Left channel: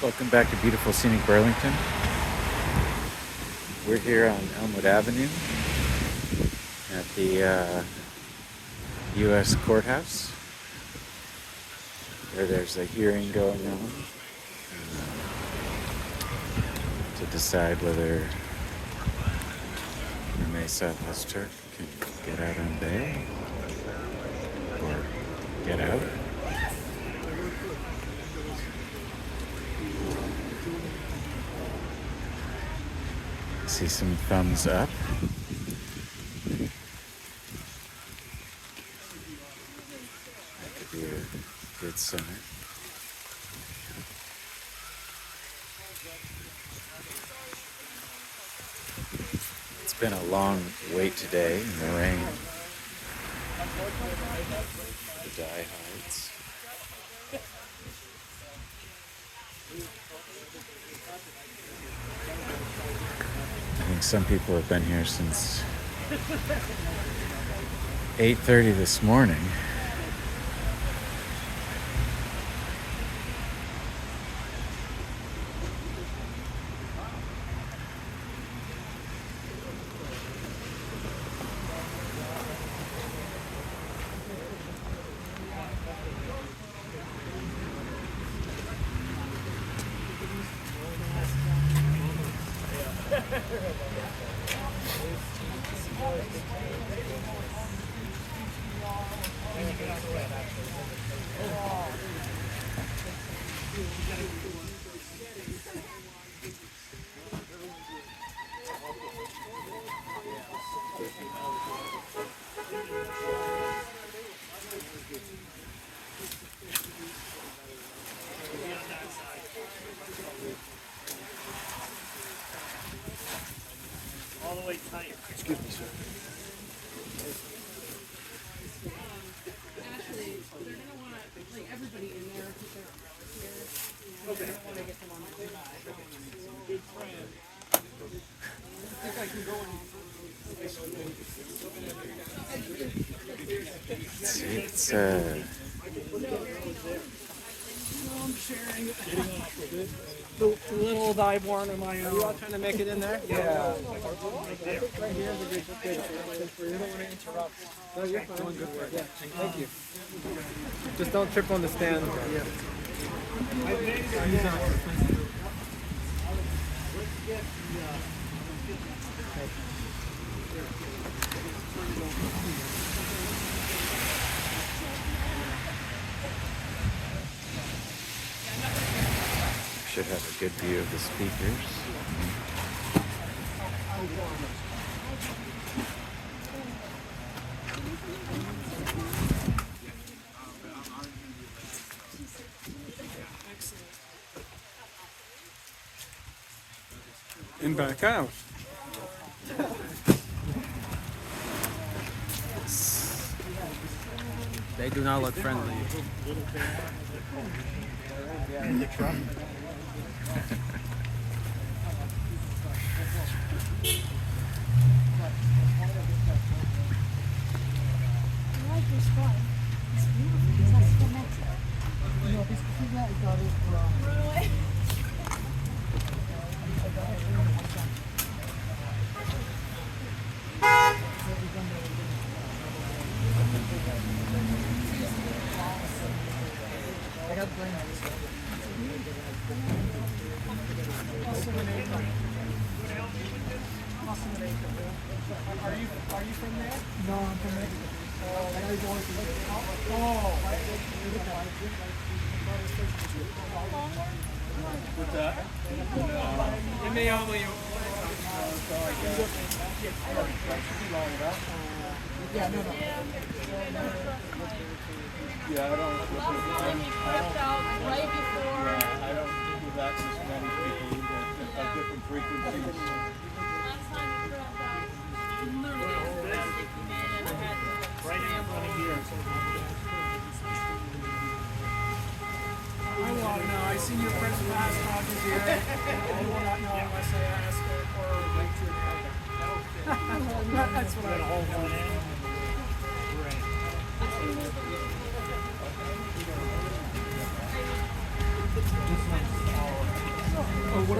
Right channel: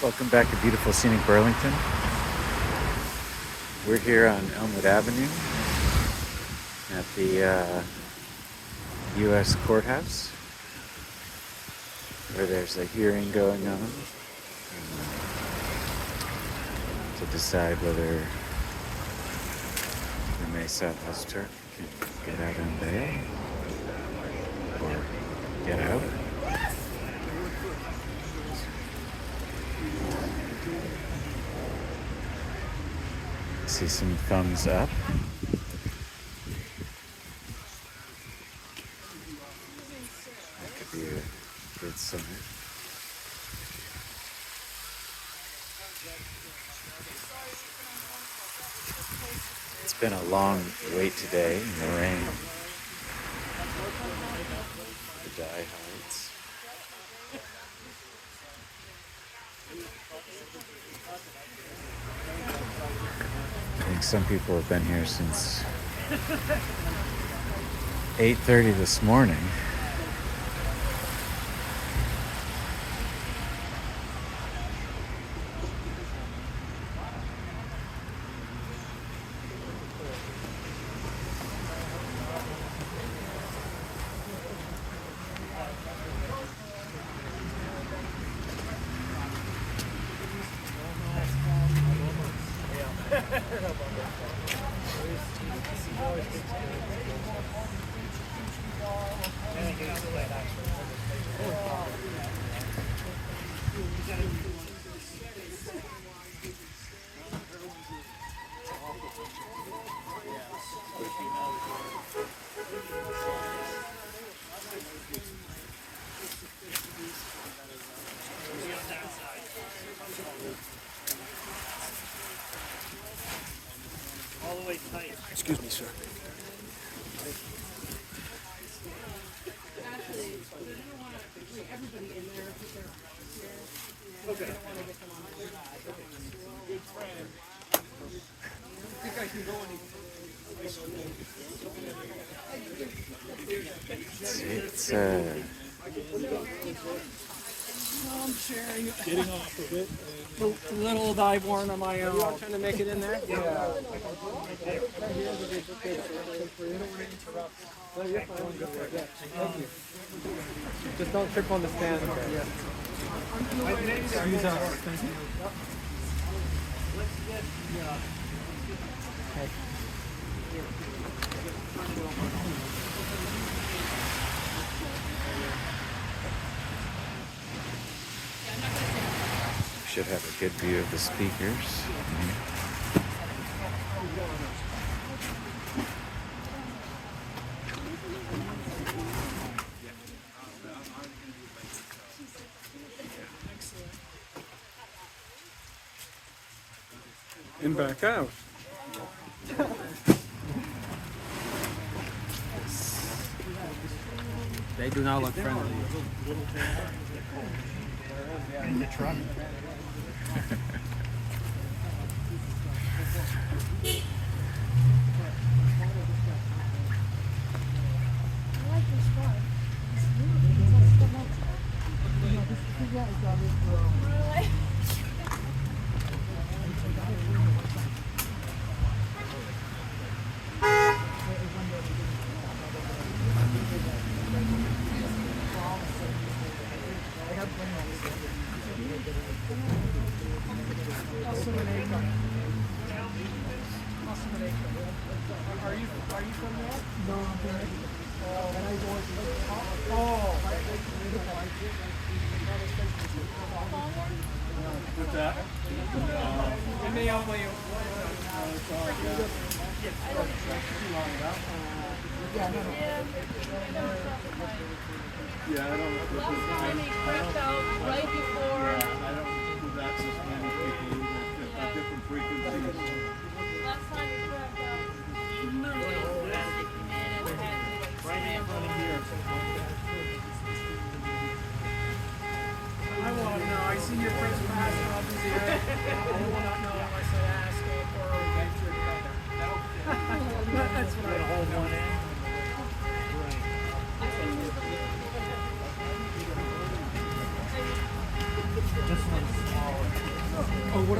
Welcome back to beautiful scenic Burlington. We're here on Elmwood Avenue at the U.S. Courthouse where there's a hearing going on to decide whether Rumeysa Ozturk can get out on bail or get out. See some thumbs up. That could be a good sign. It's been a long wait today in the rain. The diehards. I think some people have been here since 8:30 this morning. Excuse me, sir. Actually, you're gonna want to bring everybody in there if they're here. Okay. You don't want to get them on the I think I can go in. It's I'm sharing. Getting off a bit. A little dive one on my own. You all trying to make it in there? Yeah. Right here, we did good. You don't want to interrupt. No, you're fine. Doing good work. Yeah. Thank you. Just don't trip on the stand. Yeah. Excuse us. Thank you. should have a good view of the speakers. In back out. They do not look friendly. The truck. Yeah, I don't. Last time he crept out right before. Yeah, I don't do that with many people either. At different frequencies. Last time he crept out, literally as fast as he came in, and I had to like scramble. I want to know. I see your president has an idea. I do not know unless I ask or write your name. That's what I hold. This one's smaller.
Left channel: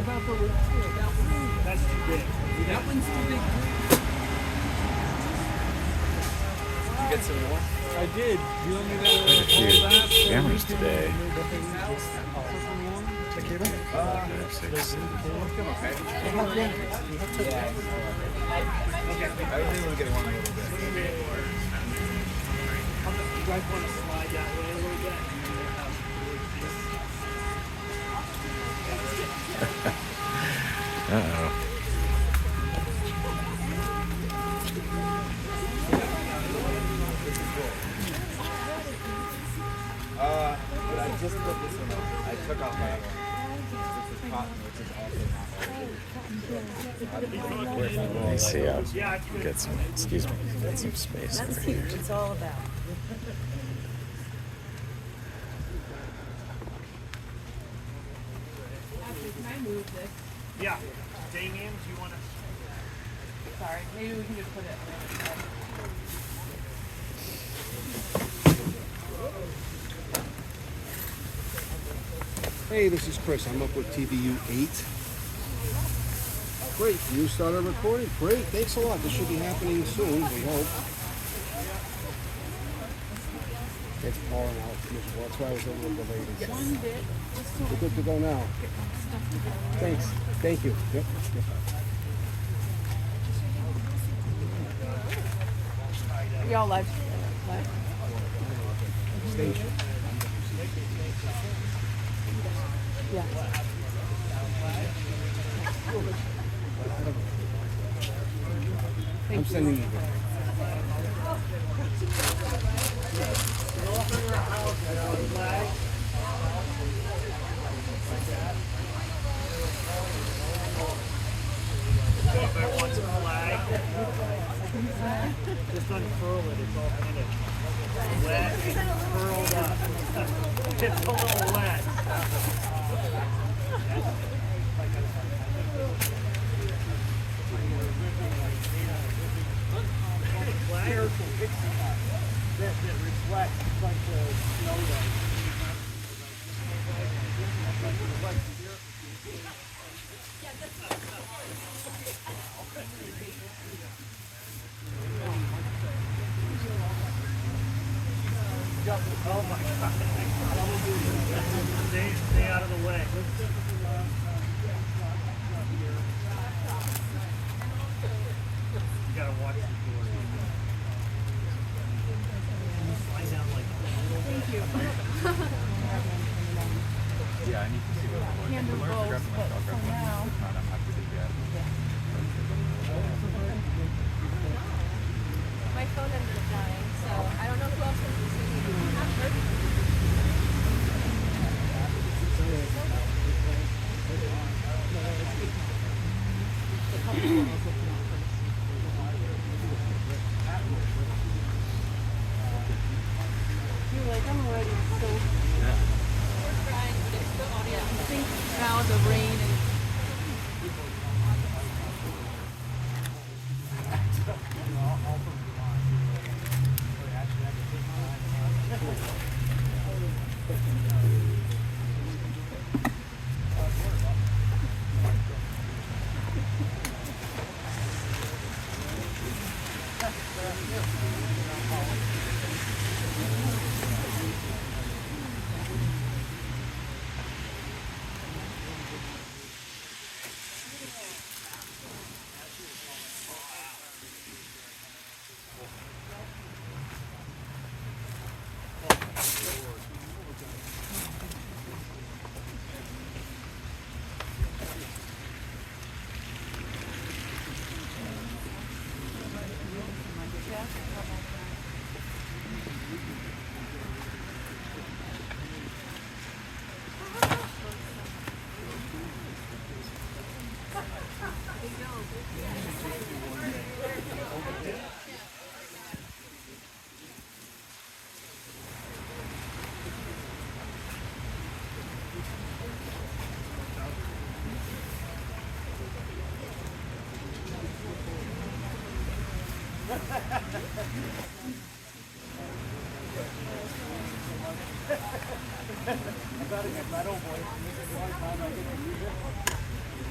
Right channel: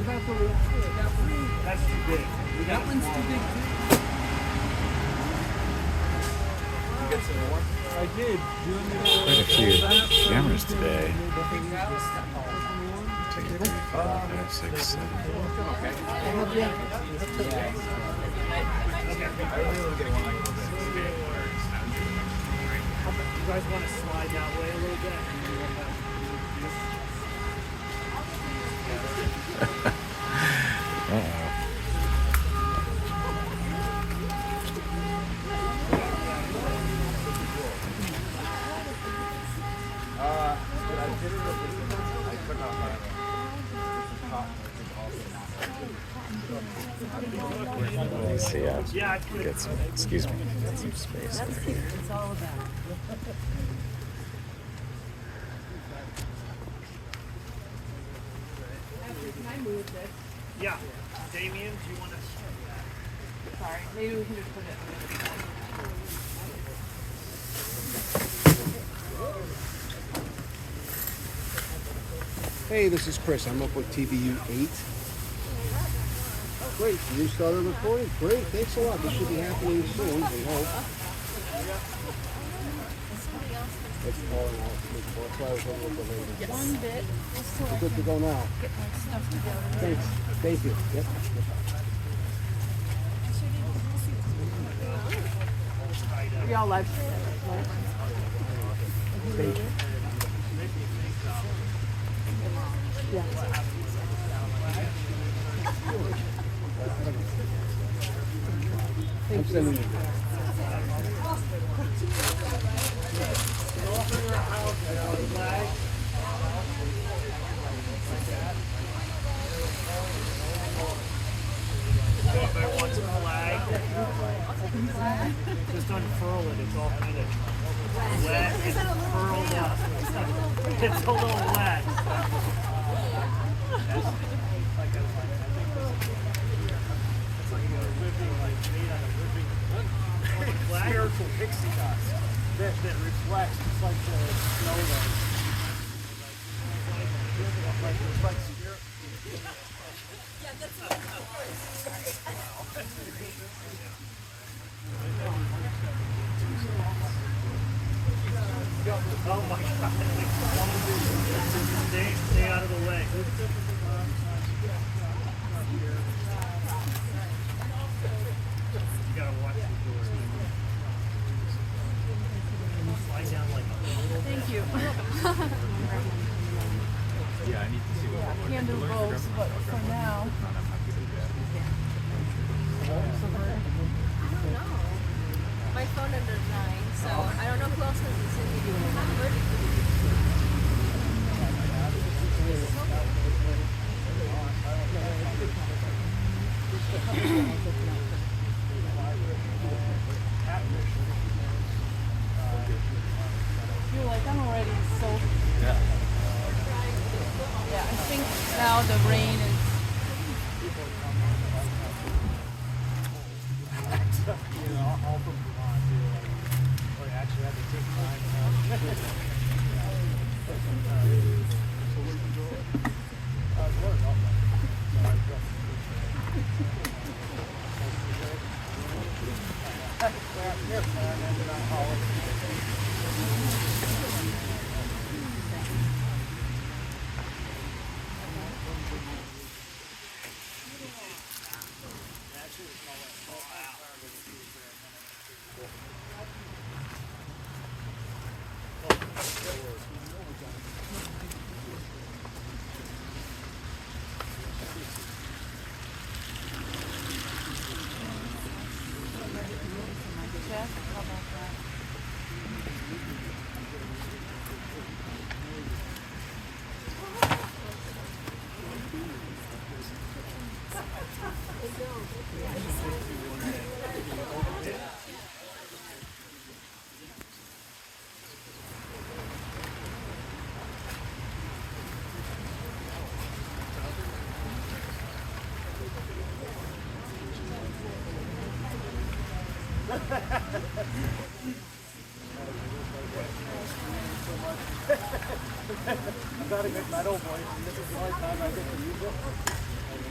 about the roof? That's too big. That one's too big. You get some more? I did. You want me to Quite a few cameras today. 5, 6, 7. You guys want to slide that way a little bit? Uh-oh. But I just put this in. I took off my cotton, which is also Let me see. I'll get some. Excuse me. Get some space over here. It's all about. Yeah. Damien, do you want to? Sorry, maybe we can just put it. Hey, this is Chris. I'm up with TVU 8. Great. You started recording? Great. Thanks a lot. This should be happening soon, we hope. It's blowing out. That's why I was going with the lady. One bit, just so We're good to go now. get my stuff together. Thanks. Thank you. Yep. Y'all live. Thank you. Yeah. I'm sending you that. Just unfurl it. It's all kind of wet. It's curled up. It's a little wet. Careful pixie dust that reflects like the snow rays. Oh my God. Stay out of the way. You gotta watch the door. Can you slide down like a little bit? Thank you. Can do both, but for now. My phone number is 9, so I don't know who else has this in your number. You're like, I'm already so. Yeah, I think now the rain is. You gotta get metal voice, and this is the only time I get to use it.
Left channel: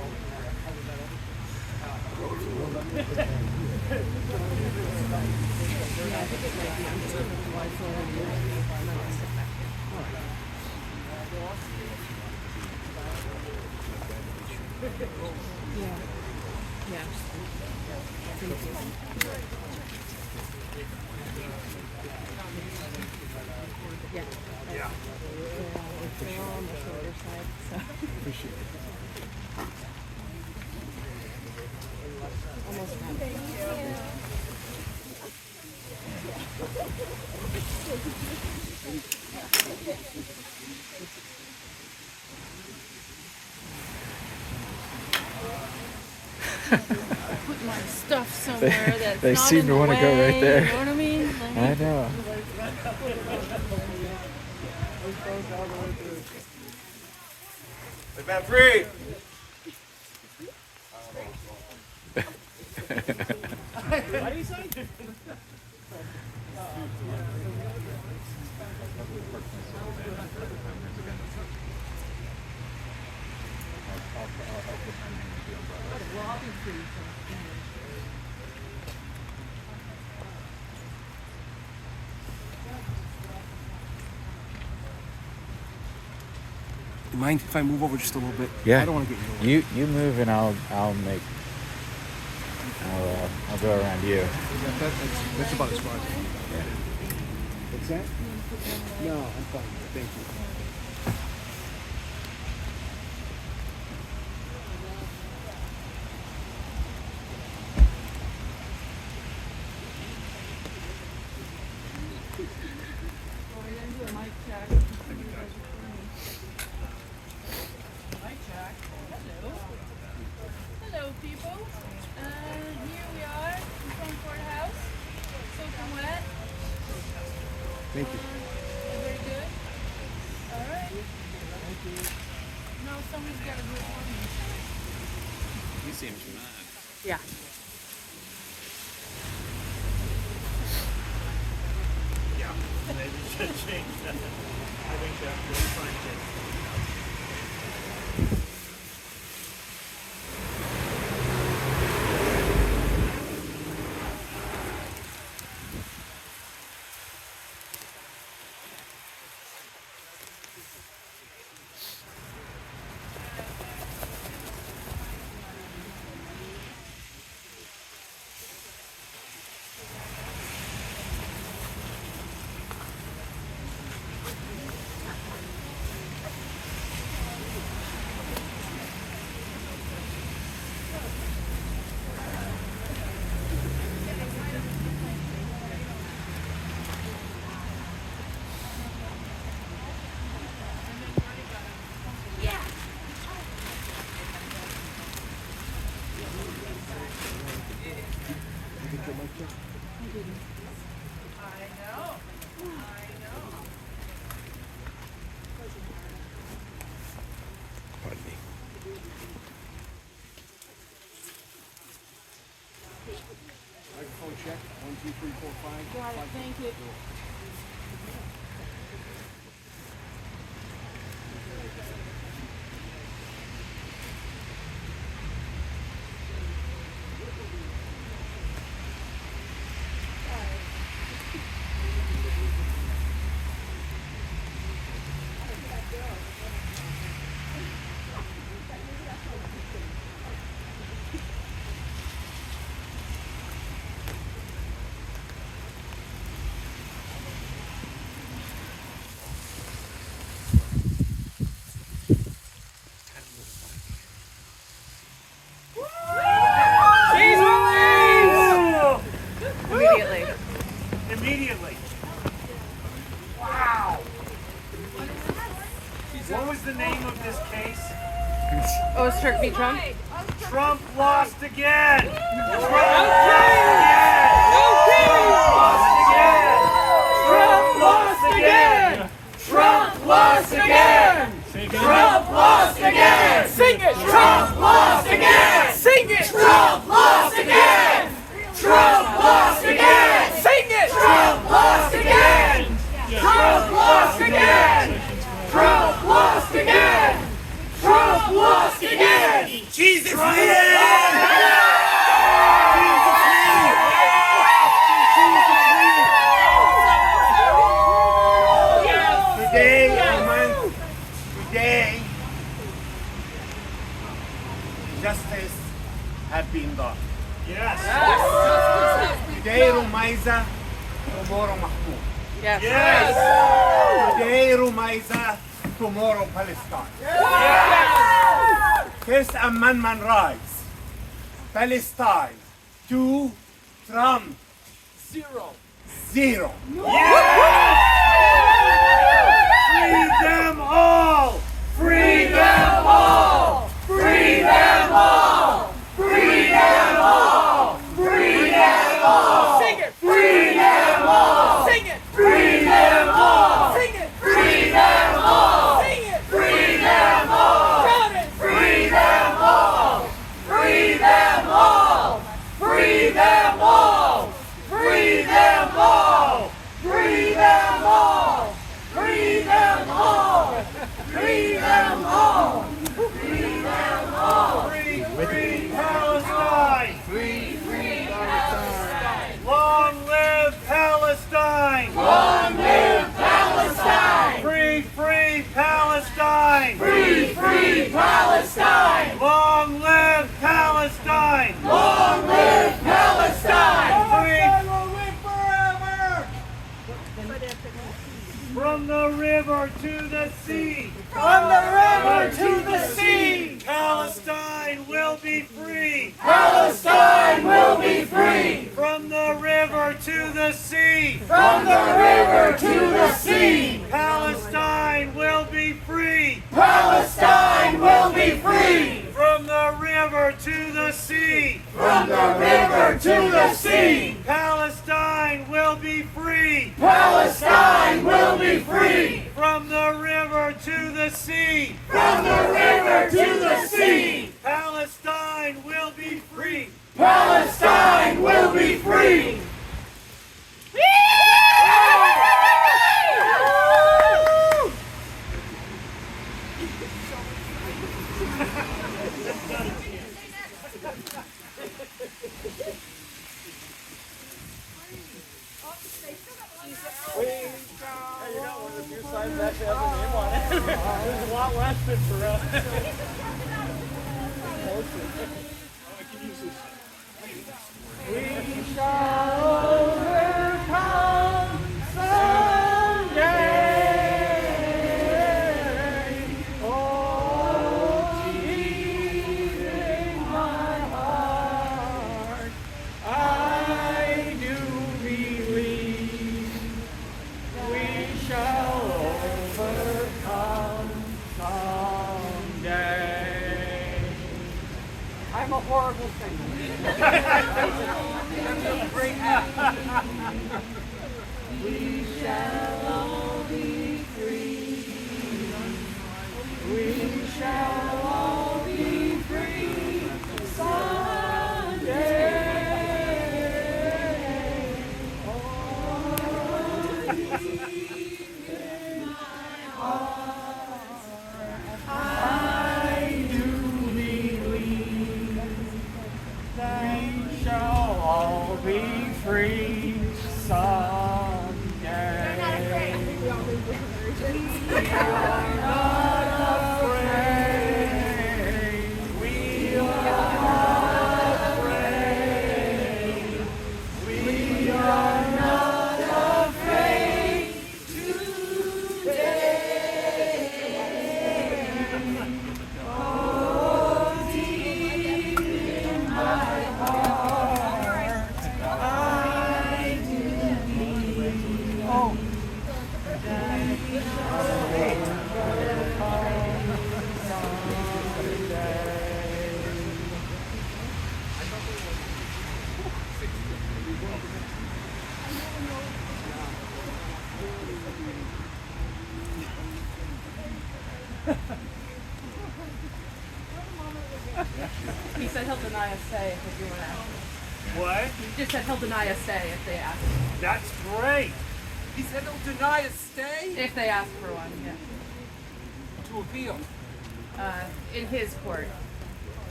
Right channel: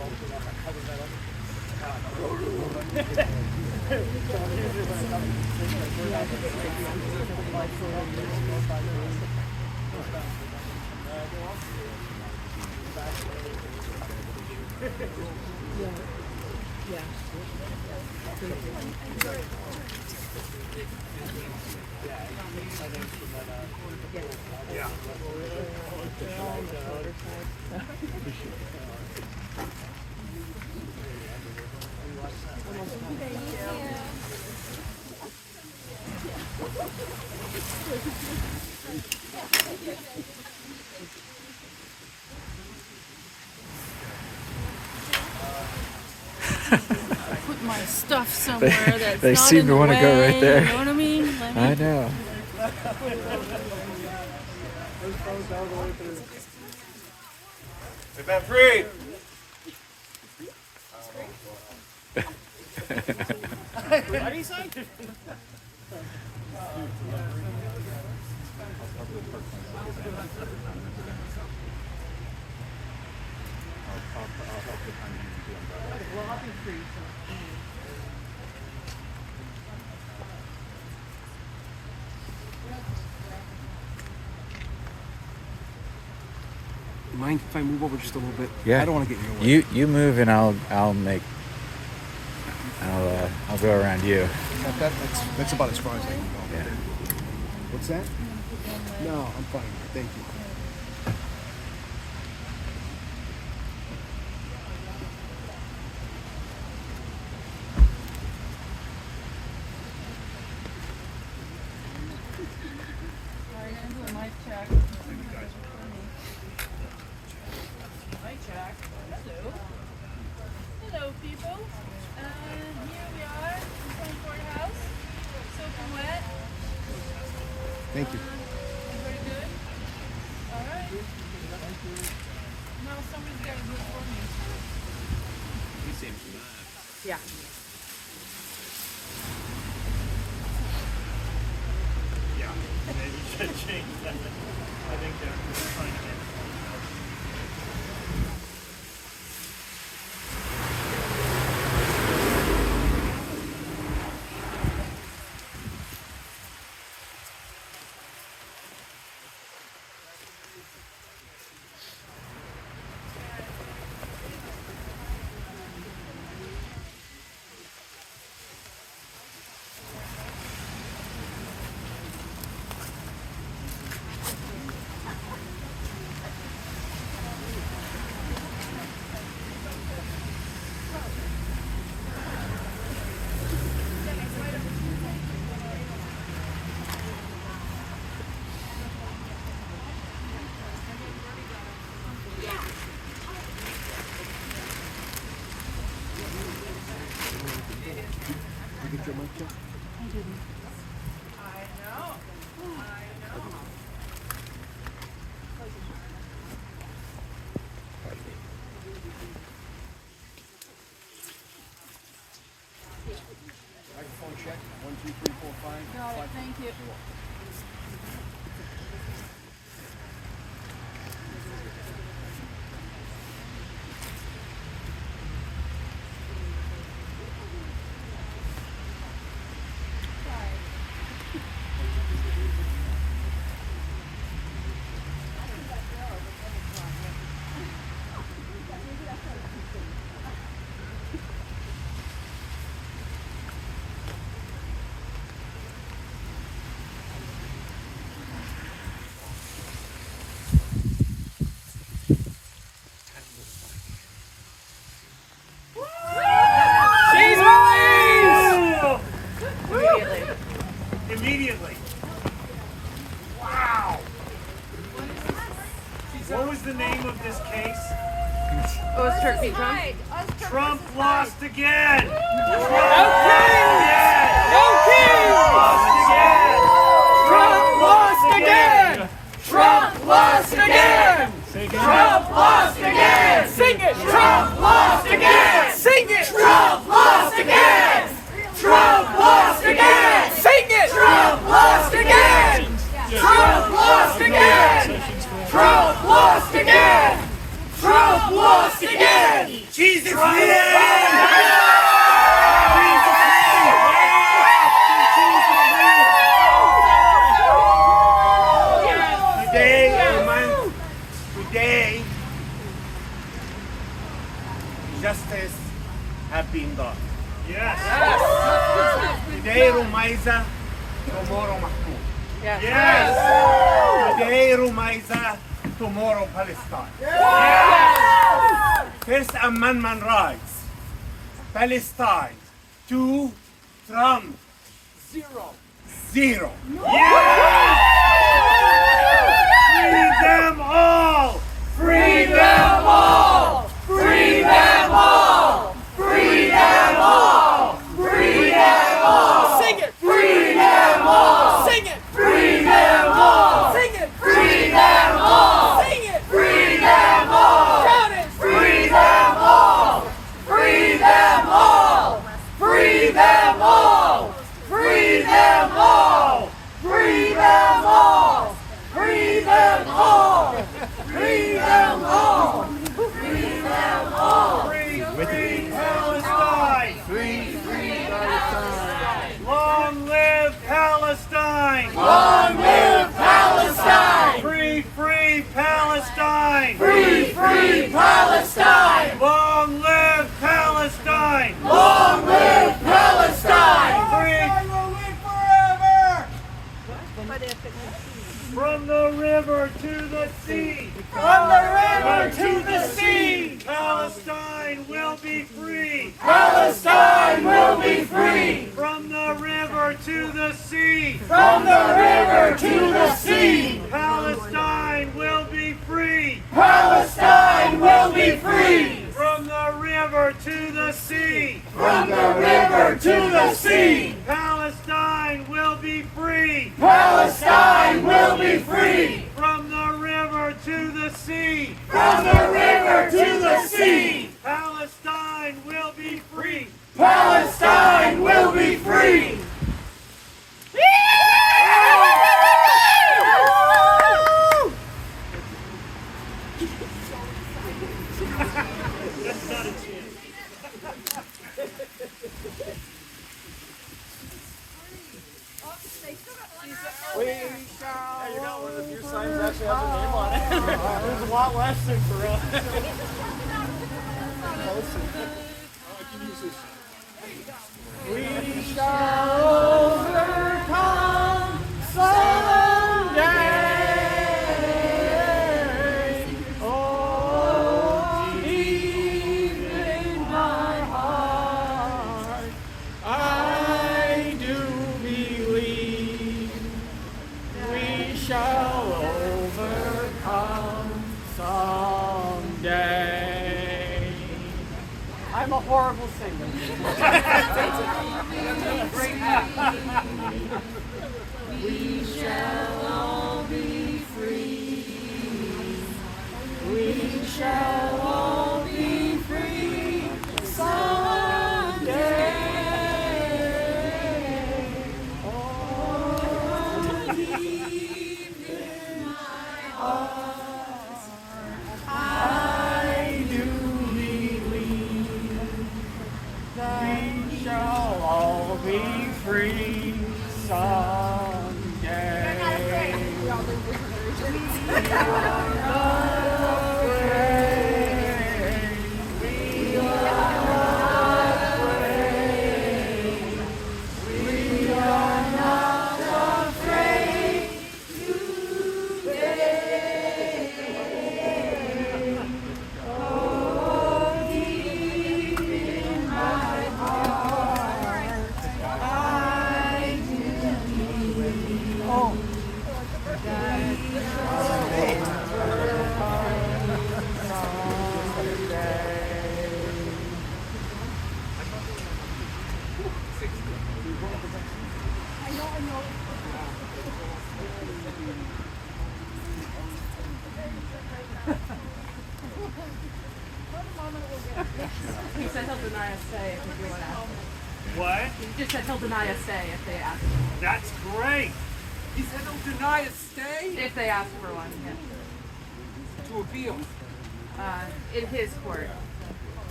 Put my stuff somewhere that's they not seem in to the want to go way, right there. You know what I mean? Like, I know. We've been free. What do you say? Mind if I move over just a little bit? Yeah. I don't want to get in your way. You move and I'll go around you. That's about as far as I can. Yeah. What's that? No, I'm fine. Thank you. Hello, people. Here we are in front of the house. Soaking wet. Thank you. Very good. All right. Now somebody's got to do it for me. You seem mad. Yeah. Microphone check. 1, 2, 3, 4, 5. Got it. Thank you. Immediately. Wow. What was the name of this case? Ozturk v. Trump. Trump lost again. Trump lost again. Trump lost again. Trump lost again. Trump lost again. Sing it. Trump lost again. Sing it. Trump lost again. Trump lost again. Sing it. Trump lost again. Trump lost again. Trump lost again. Trump lost again. Jesus Trump name! Jesus name! Today, justice has been done. Yes. Today, Rumeysa, tomorrow Mahmoud. Yes. Today, Rumeysa, tomorrow Palestine. First Amendment rights. Palestine. 2, Trump. 0. Free them all! Free them all! Free them all! Free them all! Free them all! Sing it! Free them all! Sing it! Free them all! Sing it! Free them all! Sing it! Free them all! Shout it! Free them all! Free them all! Free them all! Free them all! Free them all! Free them all! Free them all! Free them all! Free Palestine! Free Palestine! Long live Palestine! Long live Palestine! Free Palestine! Free Palestine! Long live Palestine! Long live Palestine! Free But if it's from the river to the sea! From the river to the sea! Palestine will be free! Palestine will be free! From the river to the sea! From the river to the sea! Palestine will be free! Palestine will be free! From the river to the sea! From the river to the sea! Palestine will be free! Palestine will be free! From the river to the sea! From the river to the sea! Palestine will be free! Palestine will be free! I'm a horrible singer. We shall all be free. We shall all be free someday. Oh, deep in my heart, I do believe we shall all be free someday. We are not afraid. We are not afraid. We are not afraid today. Oh, deep in my heart, I do believe. Oh. He said he'll deny a stay if you want to ask. What? He just said he'll deny a stay if they ask. That's great! He said he'll deny a stay If they ask for one, yeah. to appeal. In his court.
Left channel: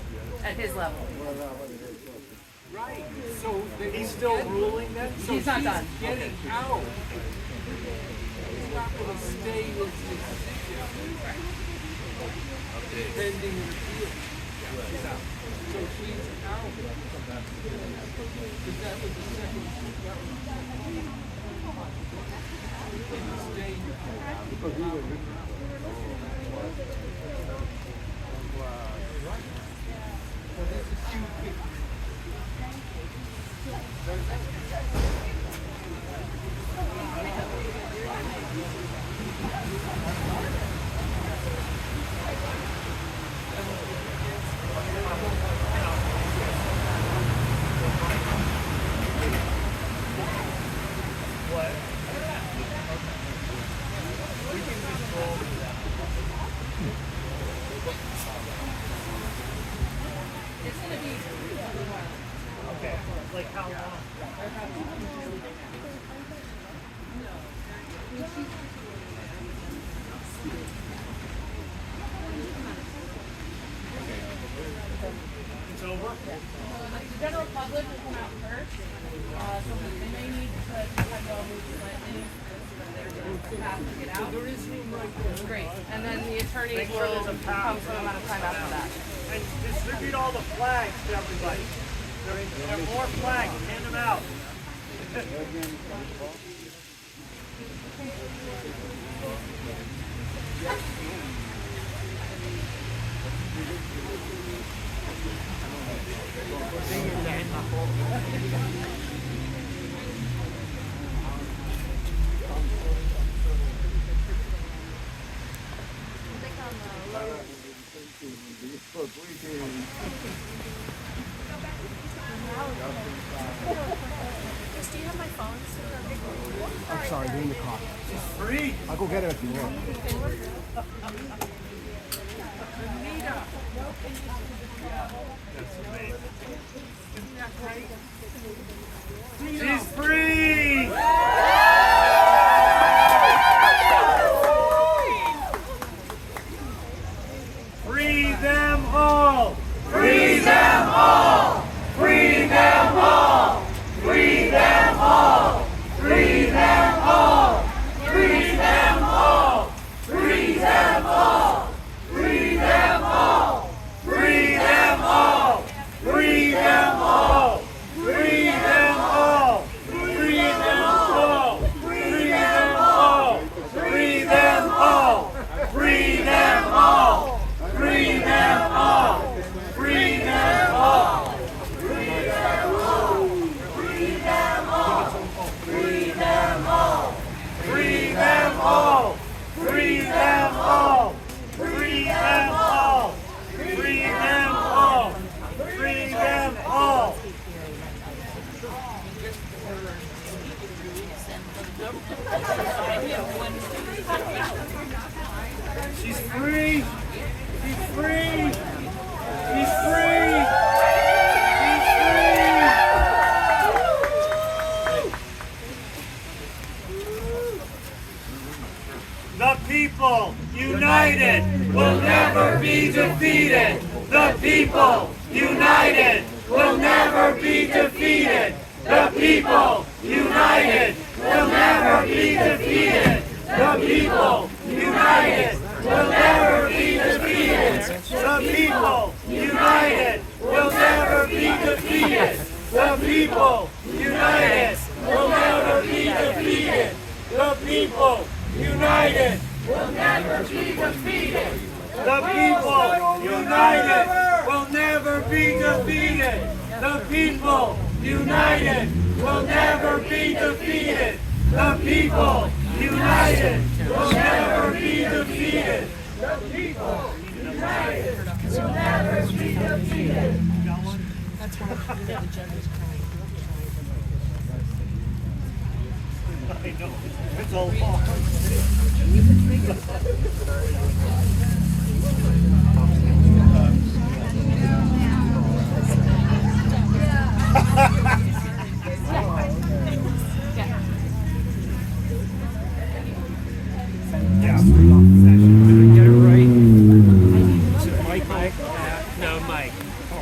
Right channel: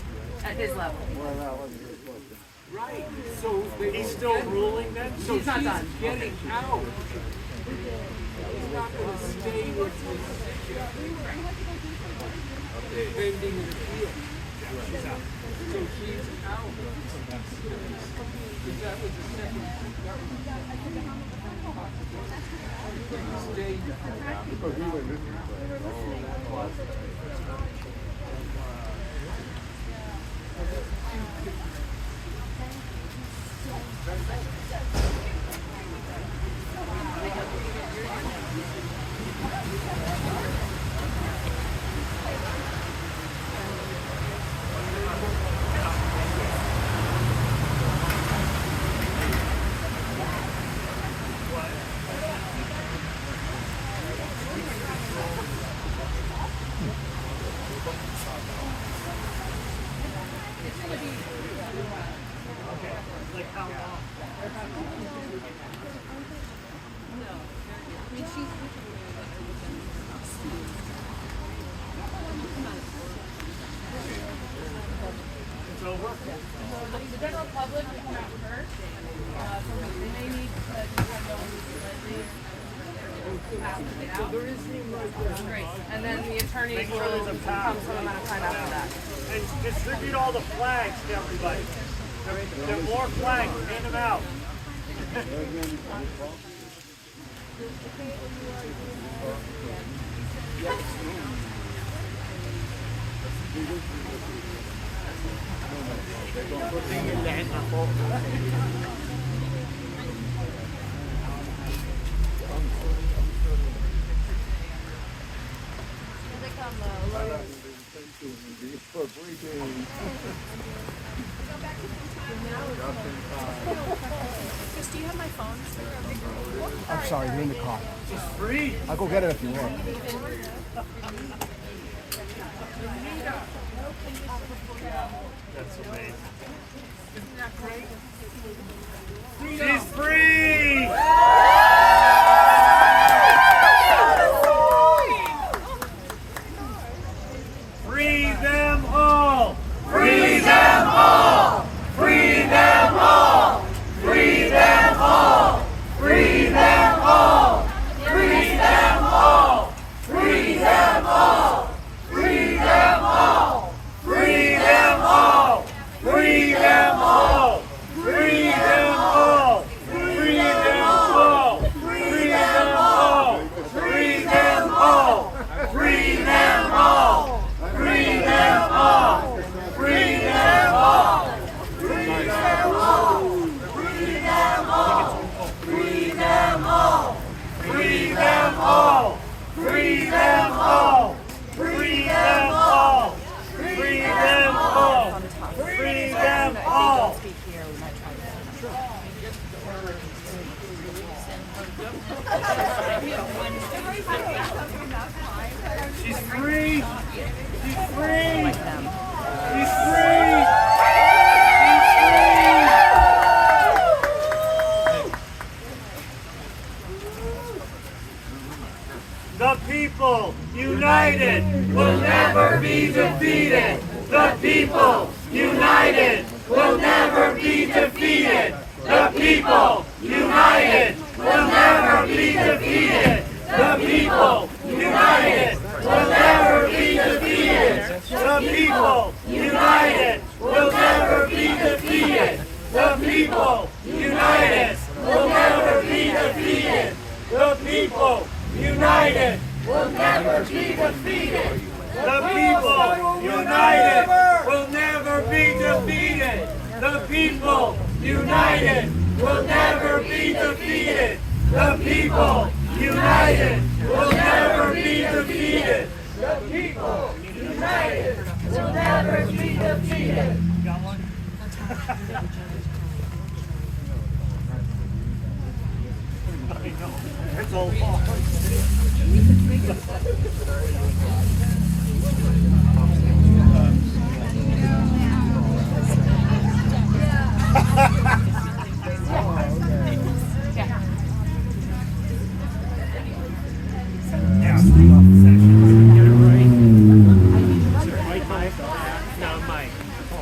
at his level. Right. So he's still ruling then? So He's not done. Getting out. He's not going to stay with his pending an appeal. He's out. So he's out. Because that was the second. That was the The general public will come out first, so they may need to put windows slightly after they get out. Great, and then the attorneys will come some amount of time after that. And distribute all the flags to everybody. There are more flags. Hand them out. Chris, do you have my phone? I'm sorry, you're in the car. It's free. I'll go get it if you will. That's amazing. Isn't that great? She's free! Free them all! Free them all! Free them all! Free them all! Free them all! Free them all! Free them all! Free them all! Free them all! Free them all! Free them all! Free them all! Free them all! Free them all! Free them all! Free them all! Free them all! Free them all! Free them all! Free them all! Free them all! Free them all! Free them all! Free them all! Free them all! She's free! She's free! She's free! She's free! The people united will never be defeated. The people united will never be defeated. The people united will never be defeated. The people united will never be defeated. The people united will never be defeated. The people united will never be defeated. The people united will never be defeated. The people united will never be defeated. The people united will never be defeated. The people united will never be defeated. The people united will never be defeated. Got one? I know. It's all false. Yeah, free off the session. Get it right. Mike. No, Mike.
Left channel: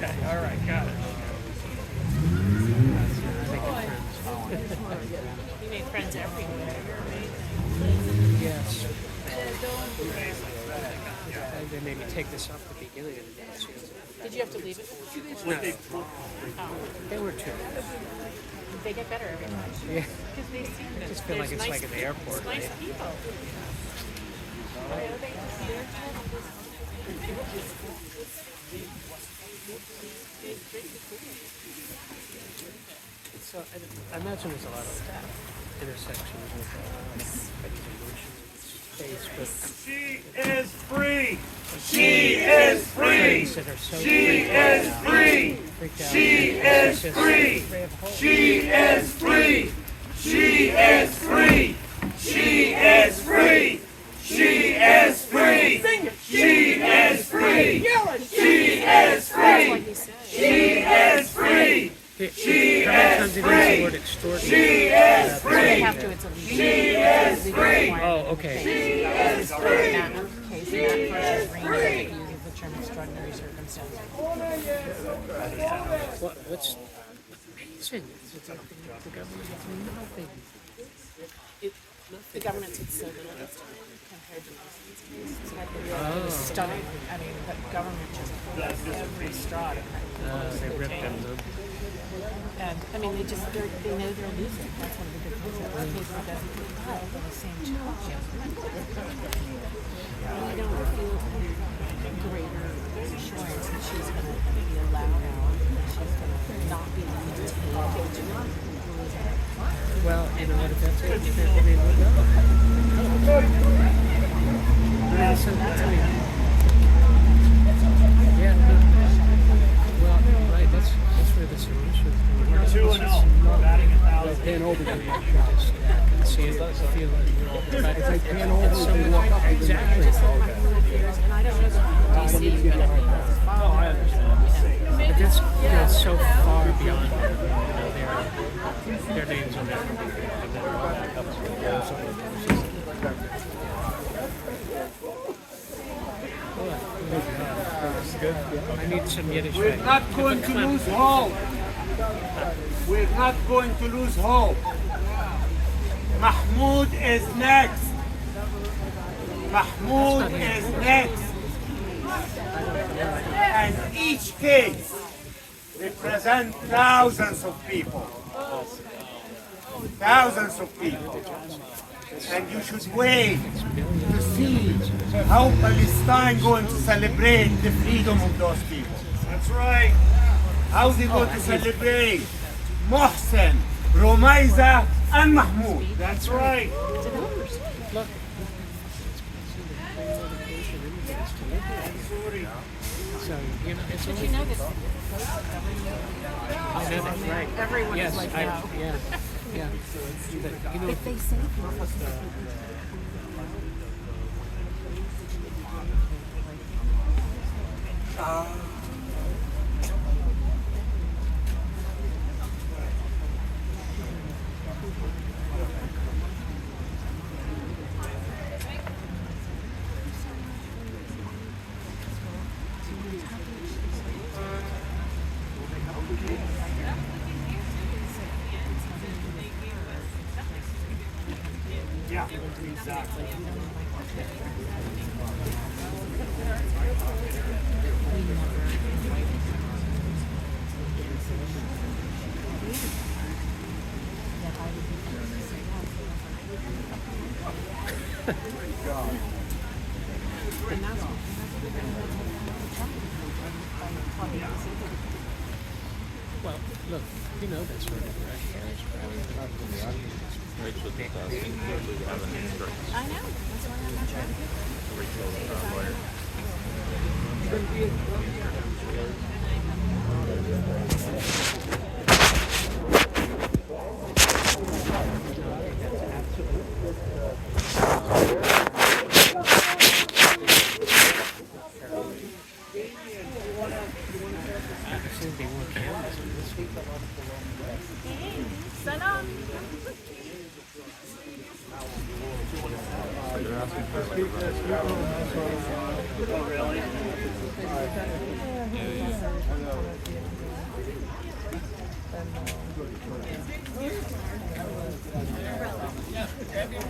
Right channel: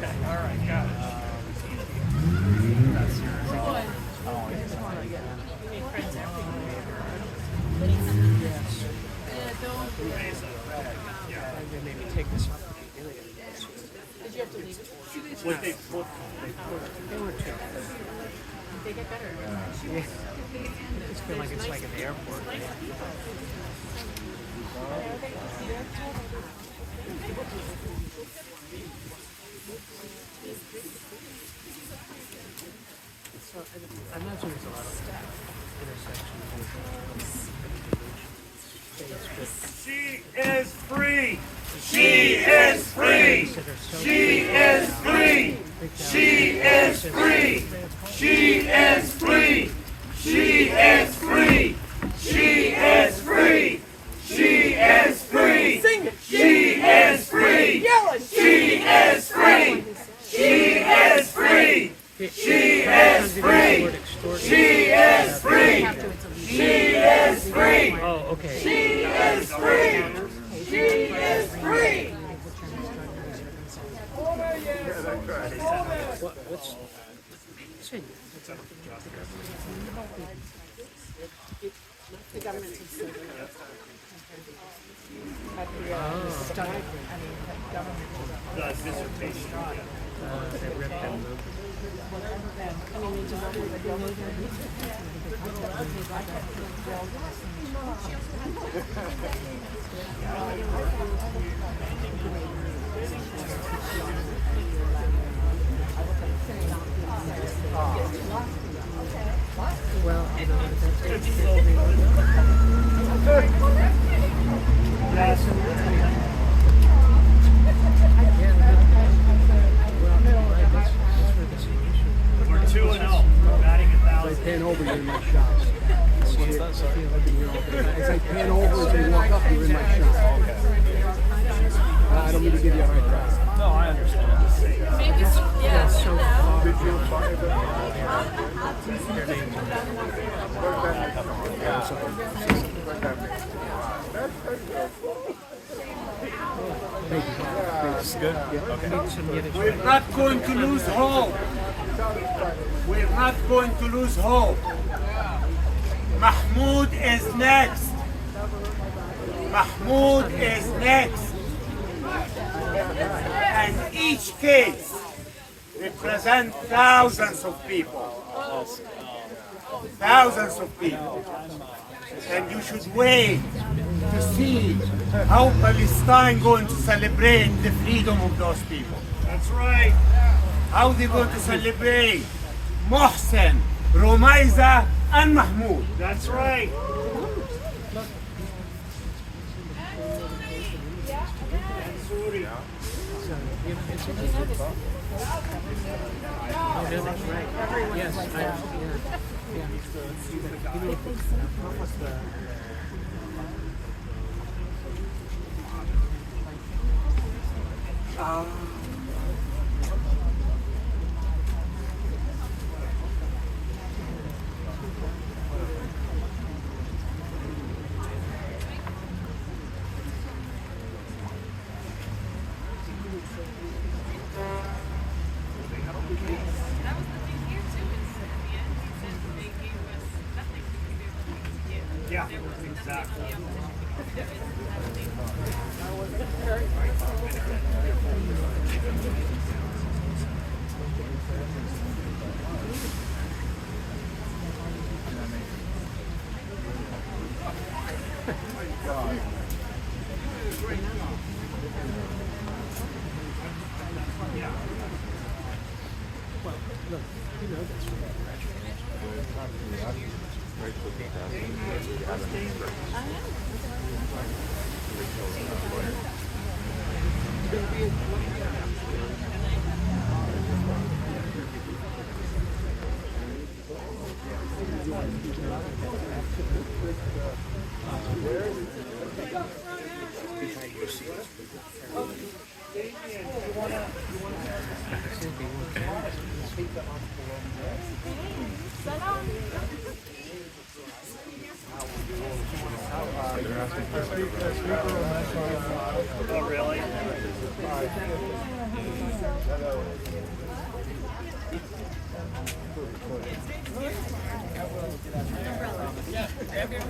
Okay, all right, got it. You made friends everywhere. Yes. They made me take this off at the beginning of the dance. Did you have to leave it? They were two. They get better every time. Yeah. Because they seem to. I just feel like it's nice, like an airport. nice Right? people. Yeah, they just, they're kind of this. So I imagine there's a lot of intersections. She is free. She is free. She is free. She is free. She is free. She is free. She is free. She is free. She is free. She is free. She is free. She is free. She is free. She is free. Oh, okay. She is free. She is free. What's amazing? The government's insulted us compared to stop. I mean, the government just every straw. They ripped them. And, I mean, they just, they know their music. That's one of the big ones. They've got a big wall in the same church. Well, you know what? That's good. We're 2-0. We're batting 1,000. Pan over there, you shot. See it, feel it. If I pan over, they walk up with my shoes. I don't need to give you a hard time. No, I understand. But that's so far beyond their names on that. That's good. I need some Yiddish. We're not going to lose hope. We're not going to lose hope. Mahmoud is next. Mahmoud is next. And each case represents thousands of people. Thousands of people. And you should wait to see how Palestine going to celebrate the freedom of those people. That's right. How they going to celebrate Mohsen, Rumeysa, and Mahmoud. That's right. Did you know this? Everyone Yes, is like, yeah. if they say Yeah, exactly. Look, you know this, Oh, really?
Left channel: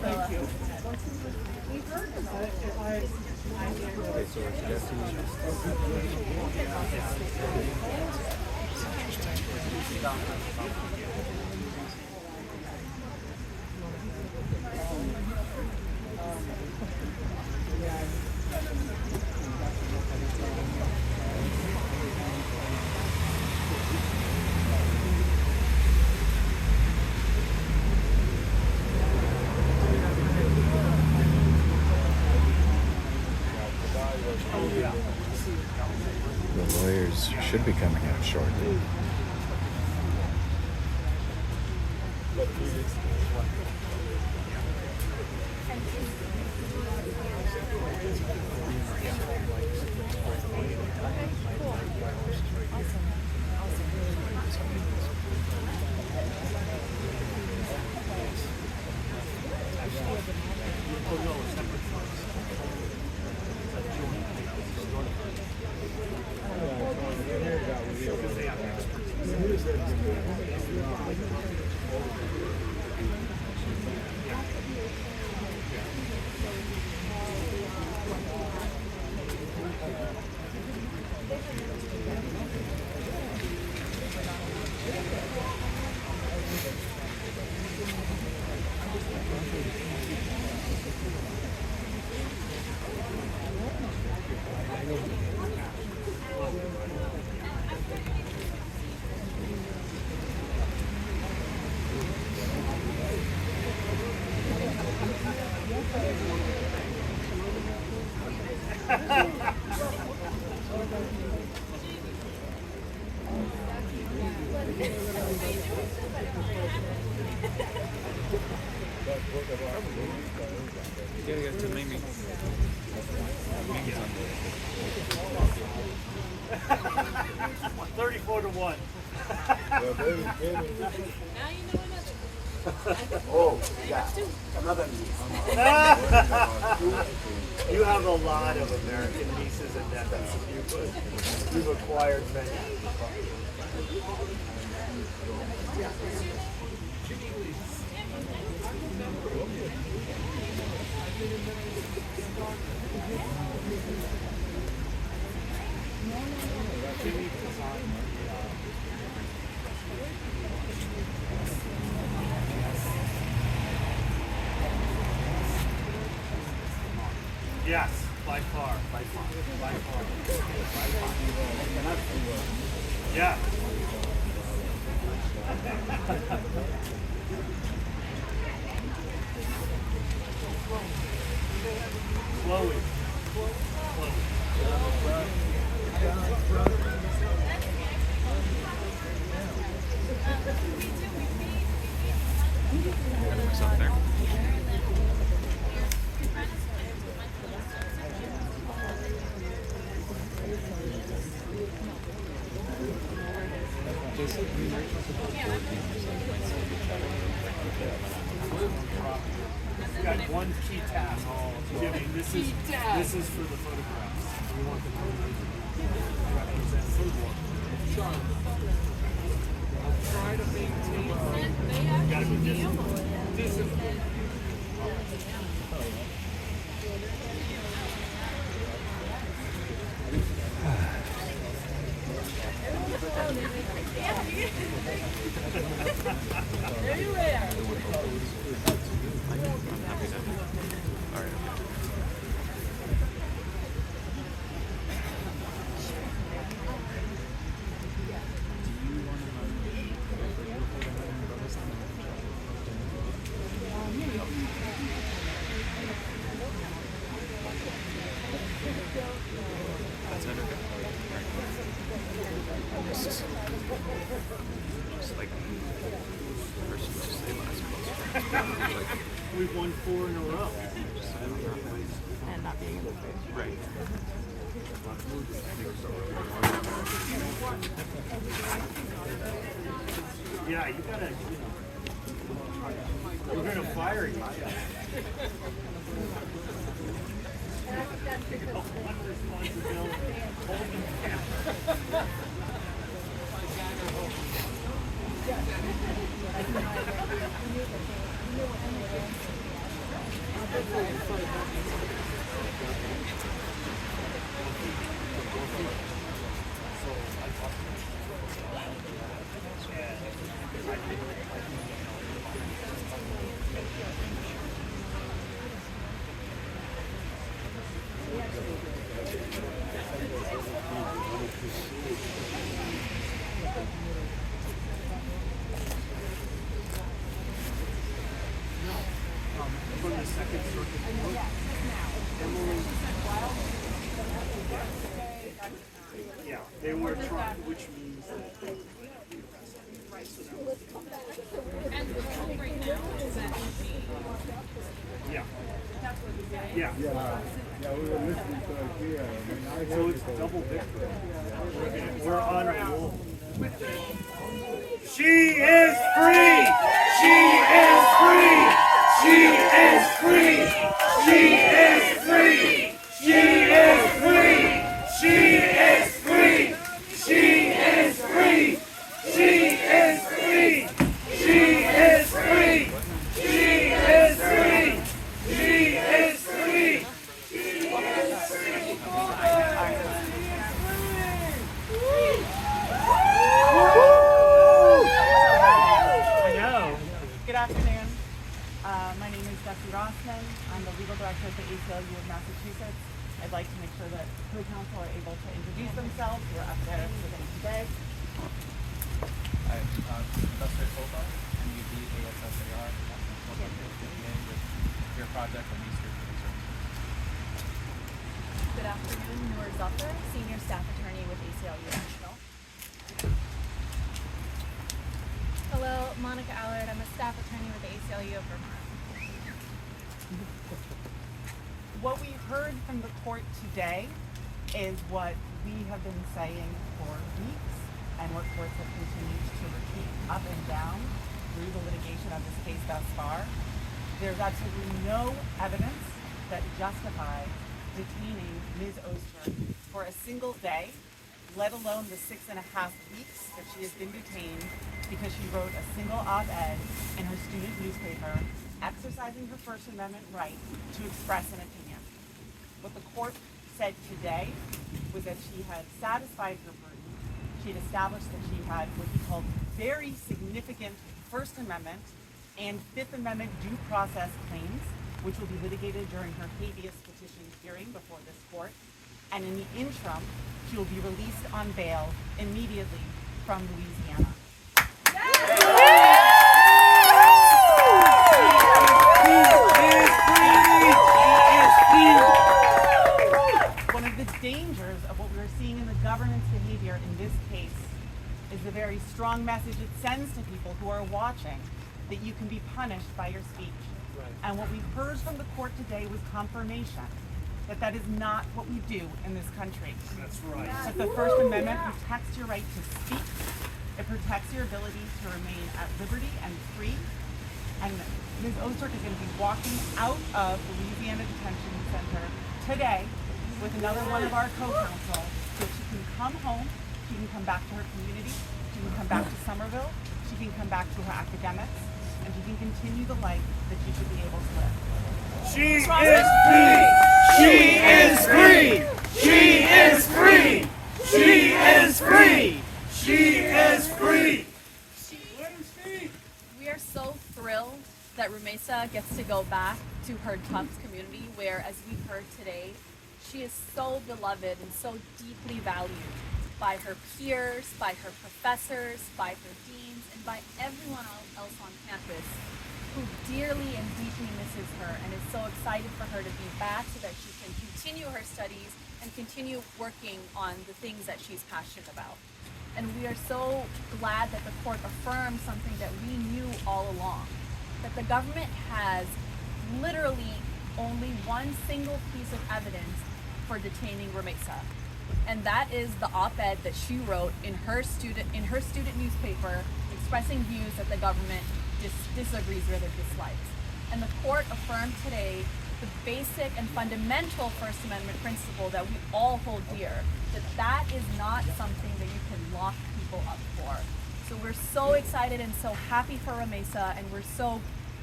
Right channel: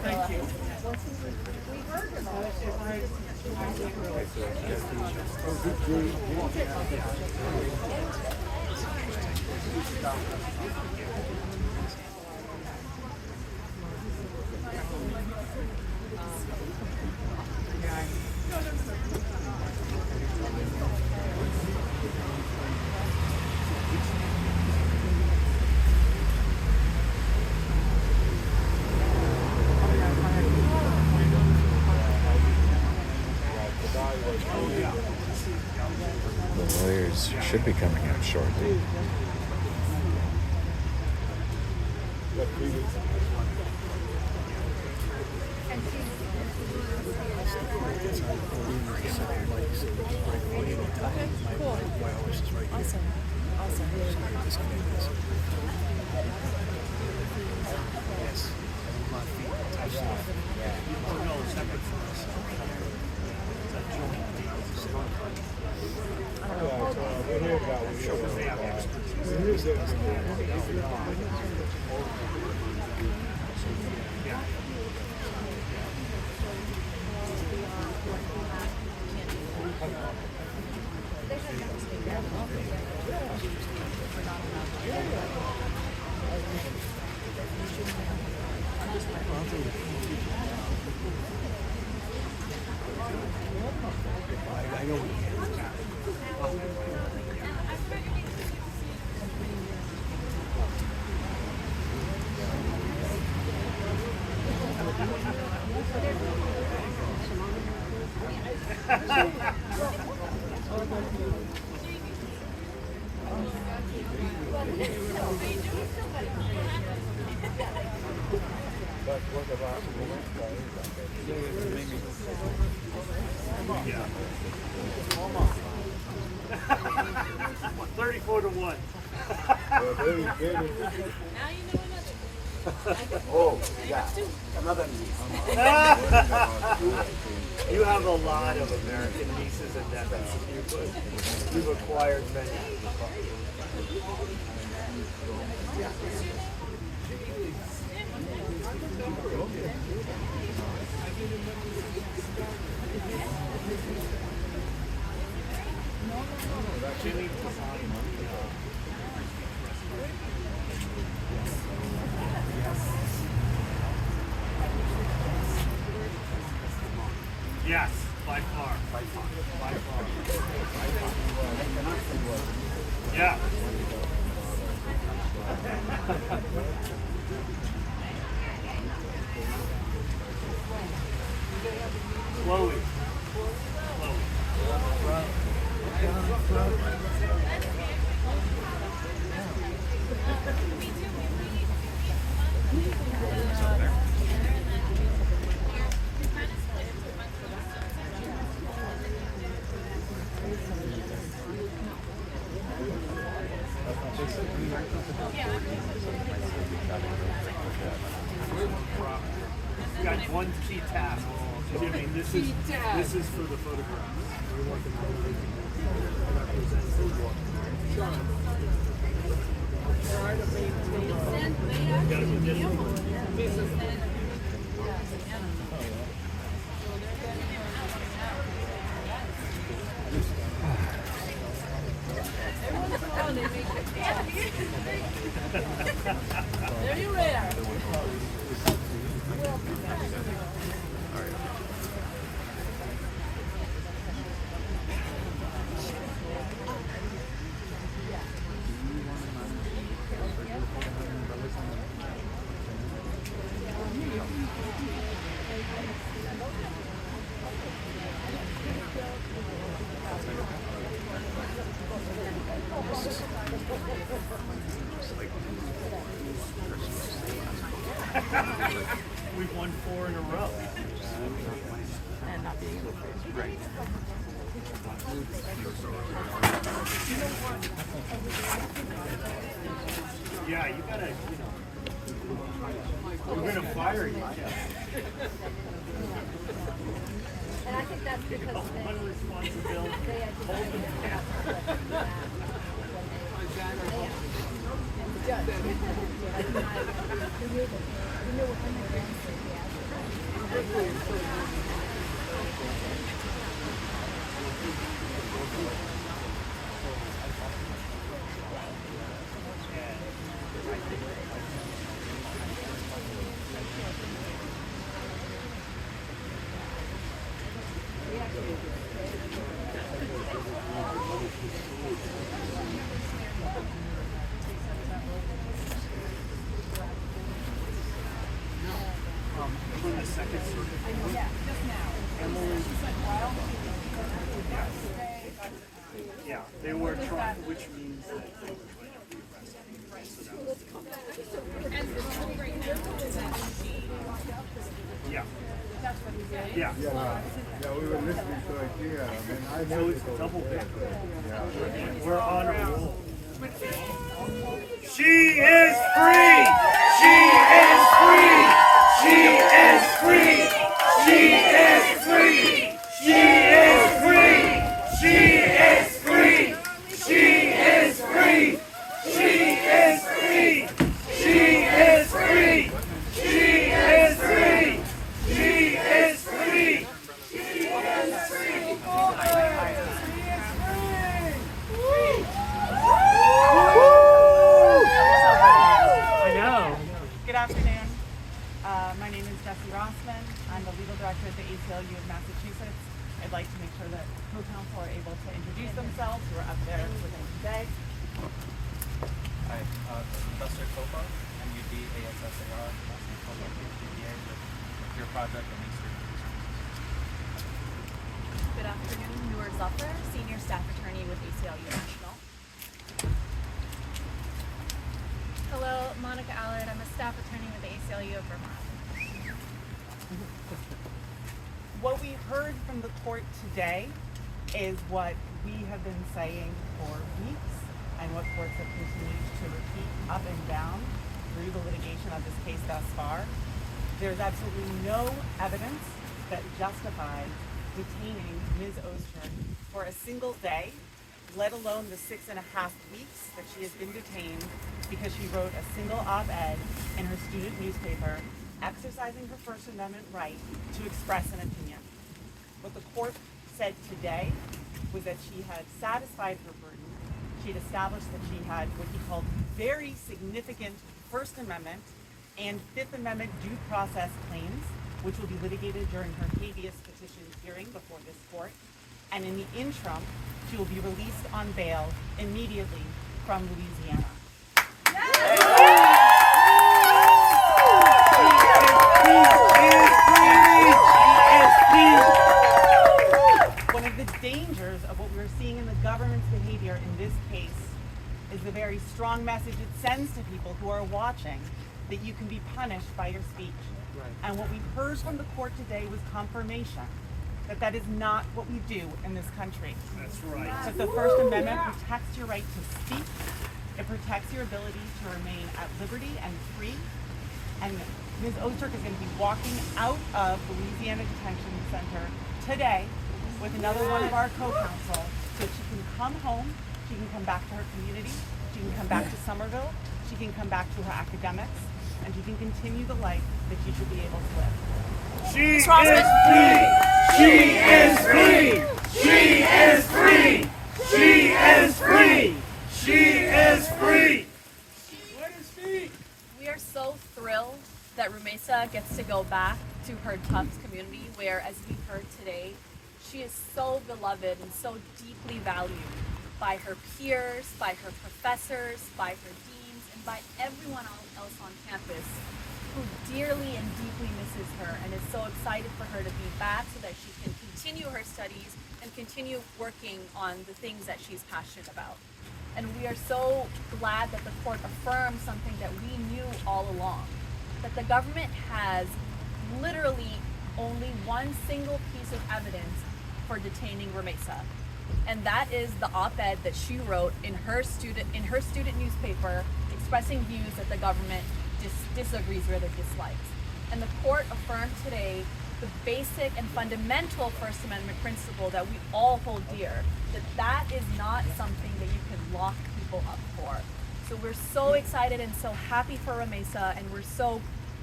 umbrella. The lawyers should be coming out shortly. You have a lot of American nieces and nephews. You've acquired many. Jimmy designed Yes, by far. By far. By far. By far. Yeah. Chloe. You got one key task. Jimmy, this is for the photographs. We want the gotta be disciplined. There you are. We've won 4 in a row. And not being able to. Right. Yeah, you gotta, we're gonna fire you. One responsibility. Hold them down. From the Second Circuit. Yeah, they were trying, which means that they were trying to be arrested. So that was, And the truth right now is that yeah. that's what he's saying. Yeah. Yeah, we were listening to it here. I mean, I So it's double victory. We're on a roll. She is free! She is free! She is free! She is free! She is free! She is free! She is free! She is free! She is free! She is free! She is free! I know. Good afternoon. My name is Jessie Rossman. I'm the legal director at the ACLU of Massachusetts. I'd like to make sure that co-counsel are able to introduce themselves who are up there with them today. Hi, Investor Copa, MUD ASSAR, National Copa KPA with Clear Project and East Street Legal Services. Good afternoon, Noor Zafar, Senior Staff Attorney with ACLU National. Hello, Monica Allard. I'm a staff attorney with the ACLU of Vermont. What we heard from the court today is what we have been saying for weeks and what courts have continued to repeat up and down through the litigation of this case thus far. There's absolutely no evidence that justifies detaining Ms. Ozturk for a single day, let alone the 6.5 weeks that she has been detained because she wrote a single op-ed in her student newspaper exercising her First Amendment right to express an opinion. What the court said today was that she had satisfied her burden. She had established that she had what he called very significant First Amendment and Fifth Amendment due process claims, which will be litigated during her habeas petition hearing before this court. And in the interim, she will be released on bail immediately from Louisiana. One of the dangers of what we're seeing in the government's behavior in this case is the very strong message it sends to people who are watching that you can be punished by your speech. And what we heard from the court today was confirmation that that is not what we do in this country. That's right. That the First Amendment protects your right to speak. It protects your ability to remain at liberty and free. And Ms. Ozturk is going to be walking out of the Louisiana Detention Center today with another one of our co-counsel so that she can come home, she can come back to her community, she can come back to Somerville, she can come back to her academics, and she can continue the life that she should be able to live. She is free! She is free! She is free! She is free! She is free! We are so thrilled that Rumeysa gets to go back to her Tufts community where, as we heard today, she is so beloved and so deeply valued by her peers, by her professors, by her deans, and by everyone else on campus who dearly and deeply misses her and is so excited for her to be back so that she can continue her studies and continue working on the things that she's passionate about. And we are so glad that the court affirmed something that we knew all along, that the government has literally only one single piece of evidence for detaining Rumeysa, and that is the op-ed that she wrote in her student newspaper expressing views that the government disagrees with or dislikes. And the court affirmed today the basic and fundamental First Amendment principle that we all hold dear, that is not something that you can lock people up for. So we're so excited and so happy for Rumeysa, and we're so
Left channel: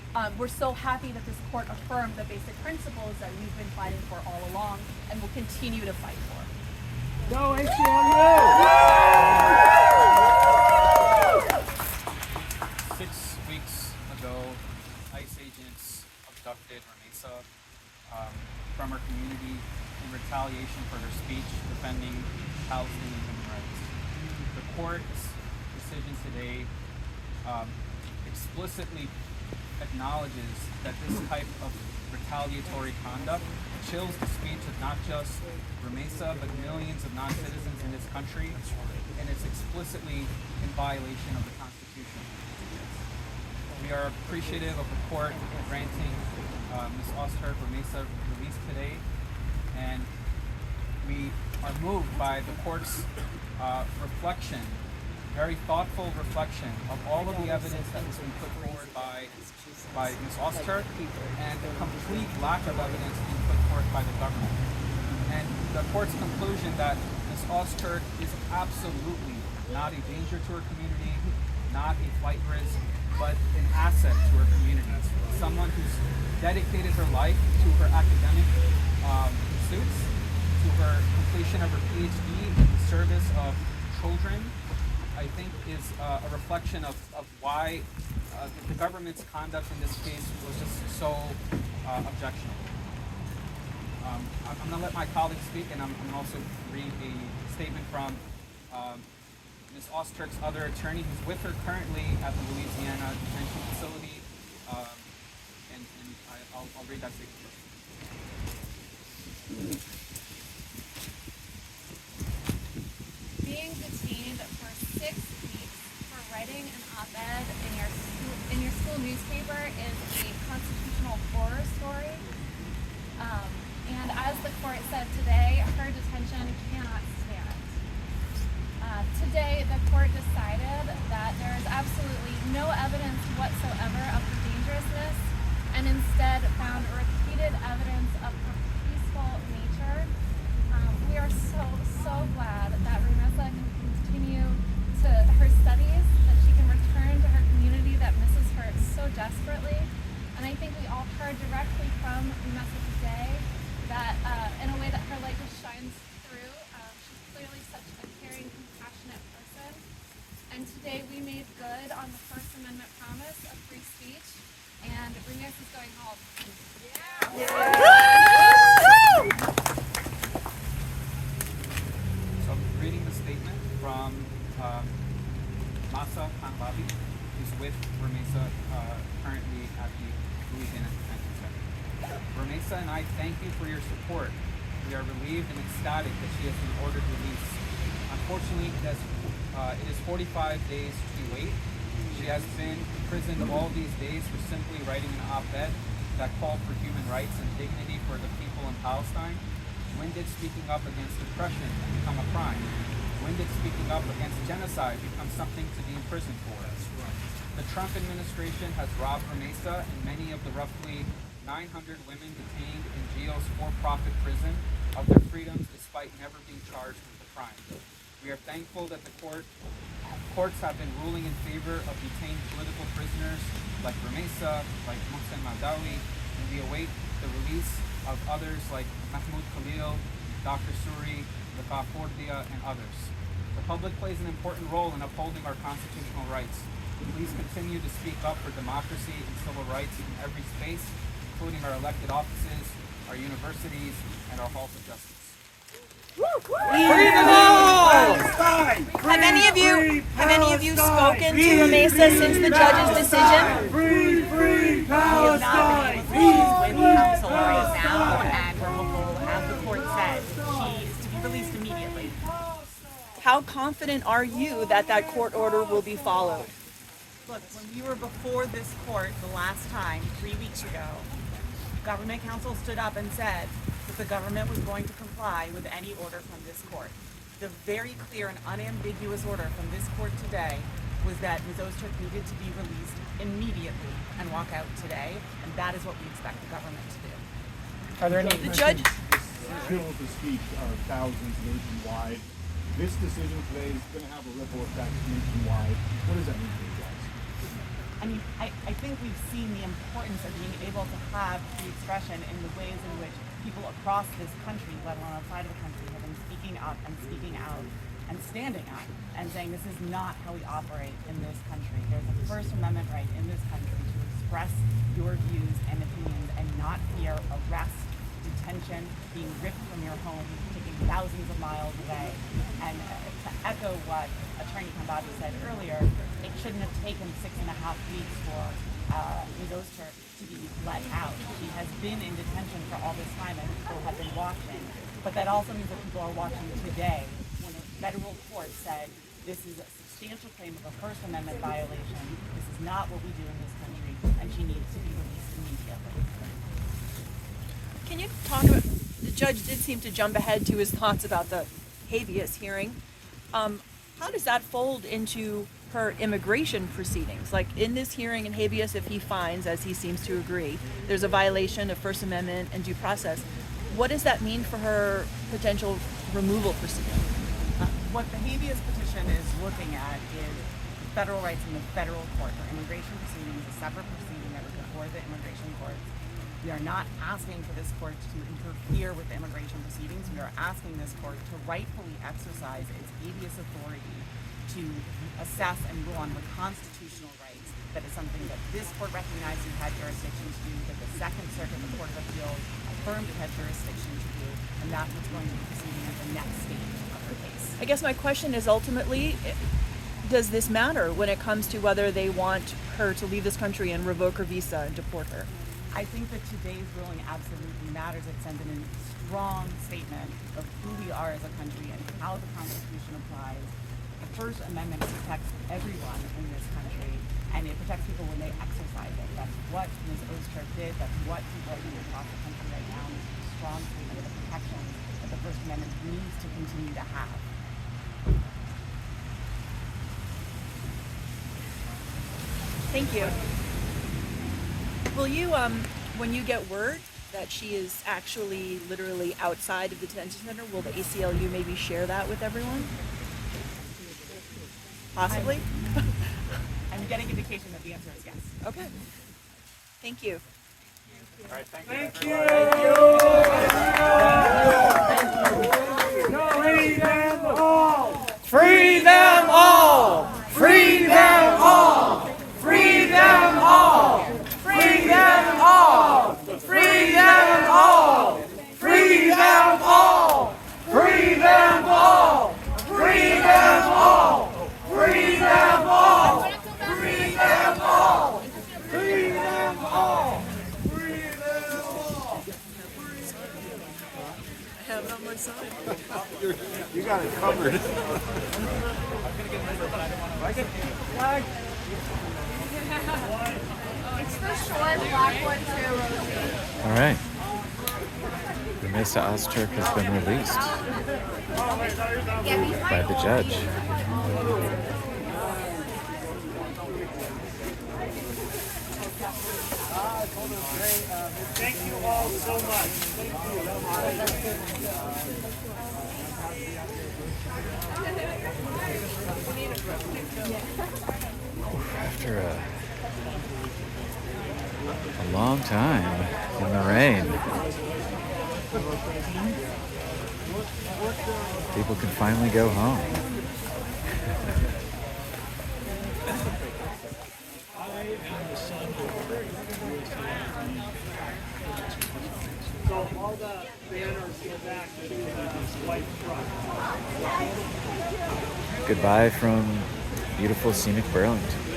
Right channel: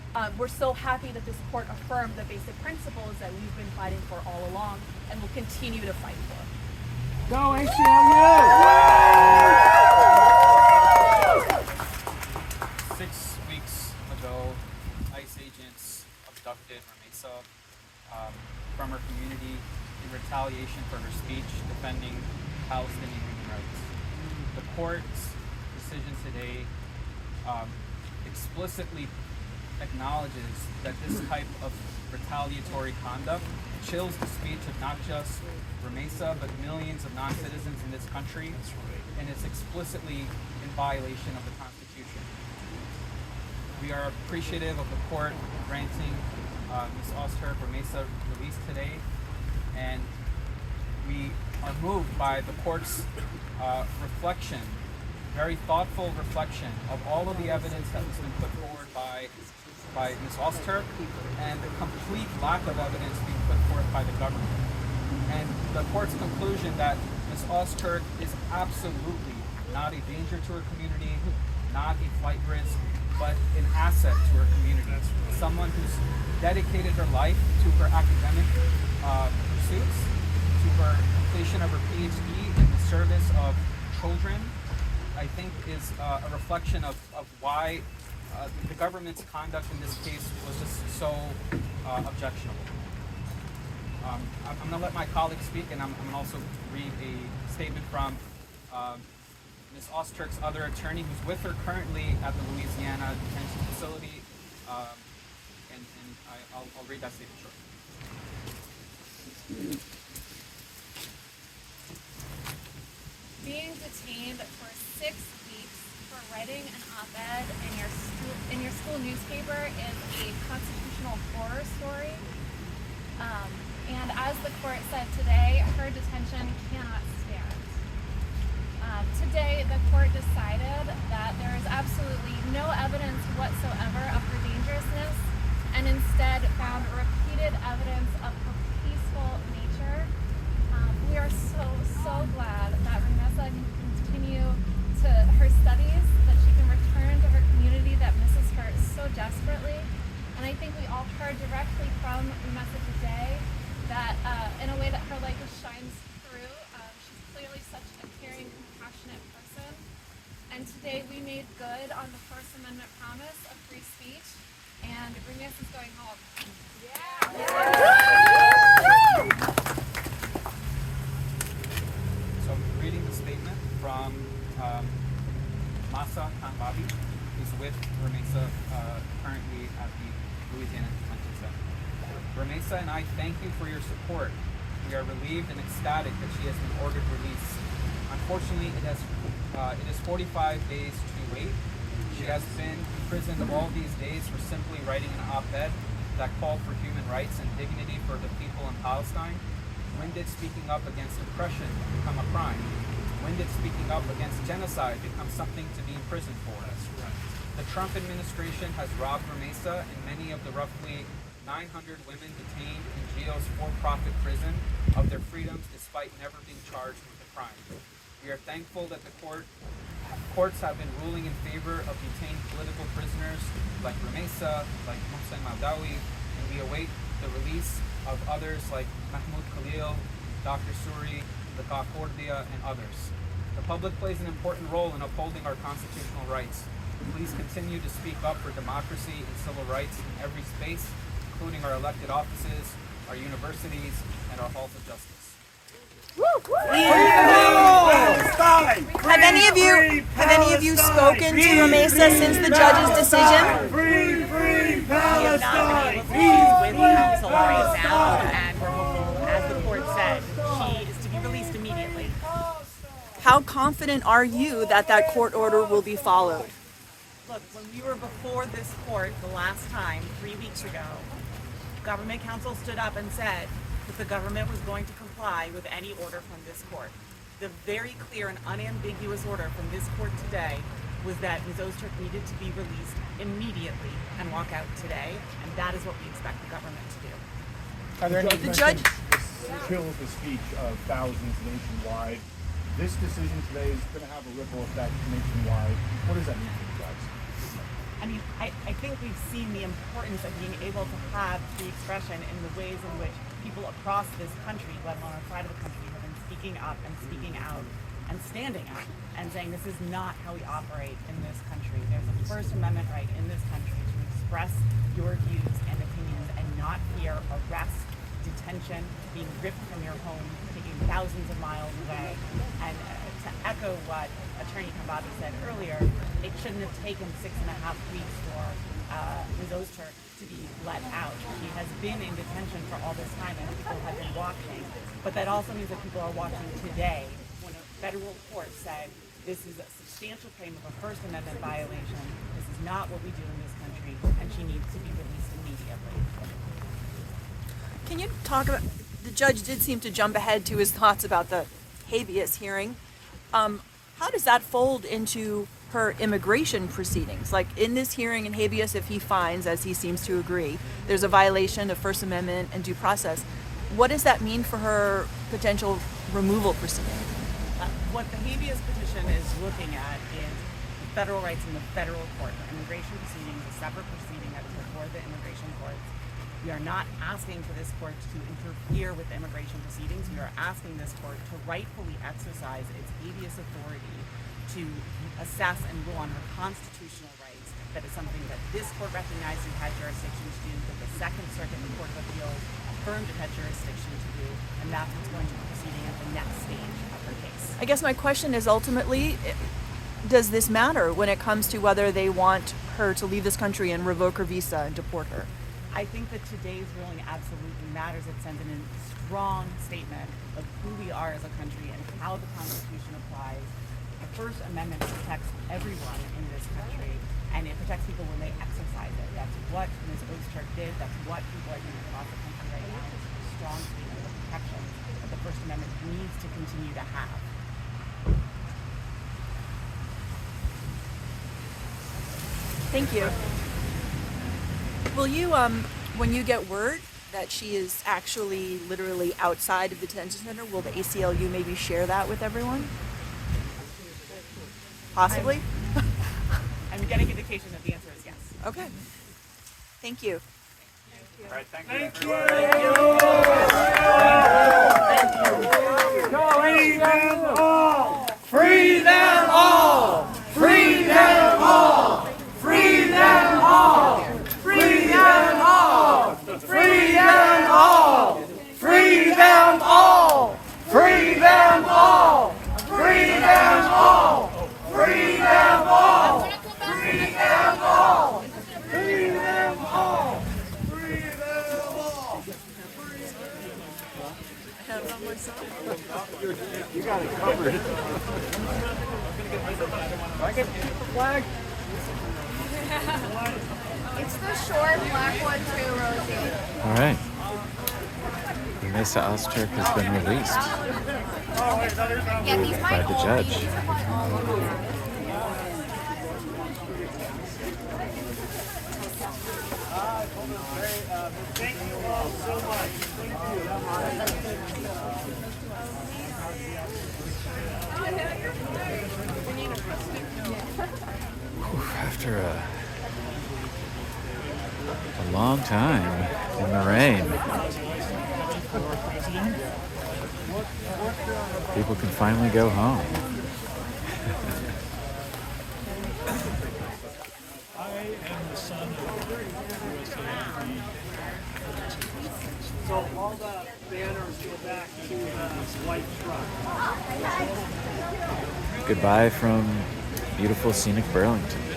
we're so happy that this court affirmed the basic principles that we've been fighting for all along and will continue to fight for. Go ACLU! 6 weeks ago, ICE agents abducted Rumeysa from her community in retaliation for her speech defending Palestinian human rights. The court's decision today explicitly acknowledges that this type of retaliatory conduct chills the speech of not just Rumeysa, but millions of non-citizens in this country, and it's explicitly in violation of the Constitution. We are appreciative of the court granting Ms. Ozturk Rumeysa release today, and we are moved by the court's reflection, very thoughtful reflection of all of the evidence that has been put forward by Ms. Ozturk and the complete lack of evidence being put forth by the government. And the court's conclusion that Ms. Ozturk is absolutely not a danger to her community, not a flight risk, but an asset to her community. Someone who's dedicated her life to her academic pursuits, to her completion of her PhD in the service of children, I think is a reflection of why the government's conduct in this case was just so objectionable. I'm going to let my colleagues speak, and I'm going to also read a statement from Ms. Ozturk's other attorney, who's with her currently at the Louisiana detention facility, and I'll read that statement shortly. Being detained for 6 weeks for writing an op-ed in your school newspaper is a constitutional horror story. And as the court said today, her detention cannot stand. Today, the court decided that there is absolutely no evidence whatsoever of her dangerousness, and instead found repeated evidence of her peaceful nature. We are so glad that Rumeysa can continue to her studies, that she can return to her community that misses her so desperately. And I think we all heard directly from Rumeysa today that in a way that her light just shines through. She's clearly such a caring, compassionate person. And today we made good on the First Amendment promise of free speech, and Rumeysa is going home. So I'm reading the statement from Masa Kanbabi, who's with Rumeysa currently at the Louisiana Detention Center. Rumeysa and I thank you for your support. We are relieved and ecstatic that she has been ordered release. Unfortunately, it is 45 days too late. She has been imprisoned all these days for simply writing an op-ed that called for human rights and dignity for the people in Palestine. When did speaking up against oppression become a crime? When did speaking up against genocide become something to be imprisoned for? The Trump administration has robbed Rumeysa and many of the roughly 900 women detained in GEO's for-profit prison of their freedoms despite never being charged with a crime. We are thankful that the courts have been ruling in favor of detained political prisoners like Rumeysa, like Mohsen Mawdawi, and we await the release of others like Mahmoud Khalil, Dr. Suri, Laka Kordia, and others. The public plays an important role in upholding our constitutional rights. Please continue to speak up for democracy and civil rights in every space, including our elected offices, our universities, and our halls of justice. Have any of you spoken to Rumeysa since the judge's decision? We have not been able to speak with counsel right now, and we're hopeful, as the court said, she is to be released immediately. How confident are you that that court order will be followed? Look, when we were before this court the last time, 3 weeks ago, government counsel stood up and said that the government was going to comply with any order from this court. The very clear and unambiguous order from this court today was that Ms. Ozturk needed to be released immediately and walk out today, and that is what we expect the government to do. Are there any The judge killed the speech of thousands nationwide? This decision today is going to have a ripple effect nationwide. What does that mean for you guys? I mean, I think we've seen the importance of being able to have free expression in the ways in which people across this country, let alone outside of the country, have been speaking up and speaking out and standing up and saying this is not how we operate in this country. There's a First Amendment right in this country to express your views and opinions and not fear arrest, detention, being ripped from your home, taking thousands of miles away. And to echo what Attorney Kambabi said earlier, it shouldn't have taken 6.5 weeks for Ms. Ozturk to be let out. She has been in detention for all this time and people have been watching. But that also means that people are watching today when a federal court said this is a substantial claim of a First Amendment violation. This is not what we do in this country, and she needs to be released immediately. Can you talk about, the judge did seem to jump ahead to his thoughts about the habeas hearing. How does that fold into her immigration proceedings? Like in this hearing in habeas, if he finds, as he seems to agree, there's a violation of First Amendment and due process, what does that mean for her potential removal proceeding? What the habeas petition is looking at is federal rights in the federal court. Her immigration proceeding is a separate proceeding that is before the immigration courts. We are not asking for this court to interfere with the immigration proceedings. We are asking this court to rightfully exercise its habeas authority to assess and rule on her constitutional rights. That is something that this court recognized it had jurisdiction to do, that the Second Circuit, the Court of Appeals, affirmed it had jurisdiction to do, and that's what's going to be proceeding at the next stage of her case. I guess my question is ultimately, does this matter when it comes to whether they want her to leave this country and revoke her visa and deport her? I think that today's ruling absolutely matters. It sends in a strong statement of who we are as a country and how the Constitution applies. The First Amendment protects everyone in this country, and it protects people when they exercise it. That's what Ms. Ozturk did. That's what people are doing across the country right now. This is a strong statement of the protections that the First Amendment needs to continue to have. Thank you. Will you, when you get word that she is actually literally outside of the detention center, will the ACLU maybe share that with everyone? Possibly? I'm getting indication that the answer is yes. Okay. Thank you. All right, thank Thank you. you. Free them all. Free them all. Free them all. Free them all. Free them all. Free them all. Free them all. Free them all. Free them all. Free them all. Free them all. Free them all. Free them all. You got it covered. Flag. It's the short black one too, Rosie. All right. Rumeysa Ozturk has been released by the judge. Thank you all so much. After a long time in the rain, people can finally go home. Goodbye from beautiful scenic Burlington.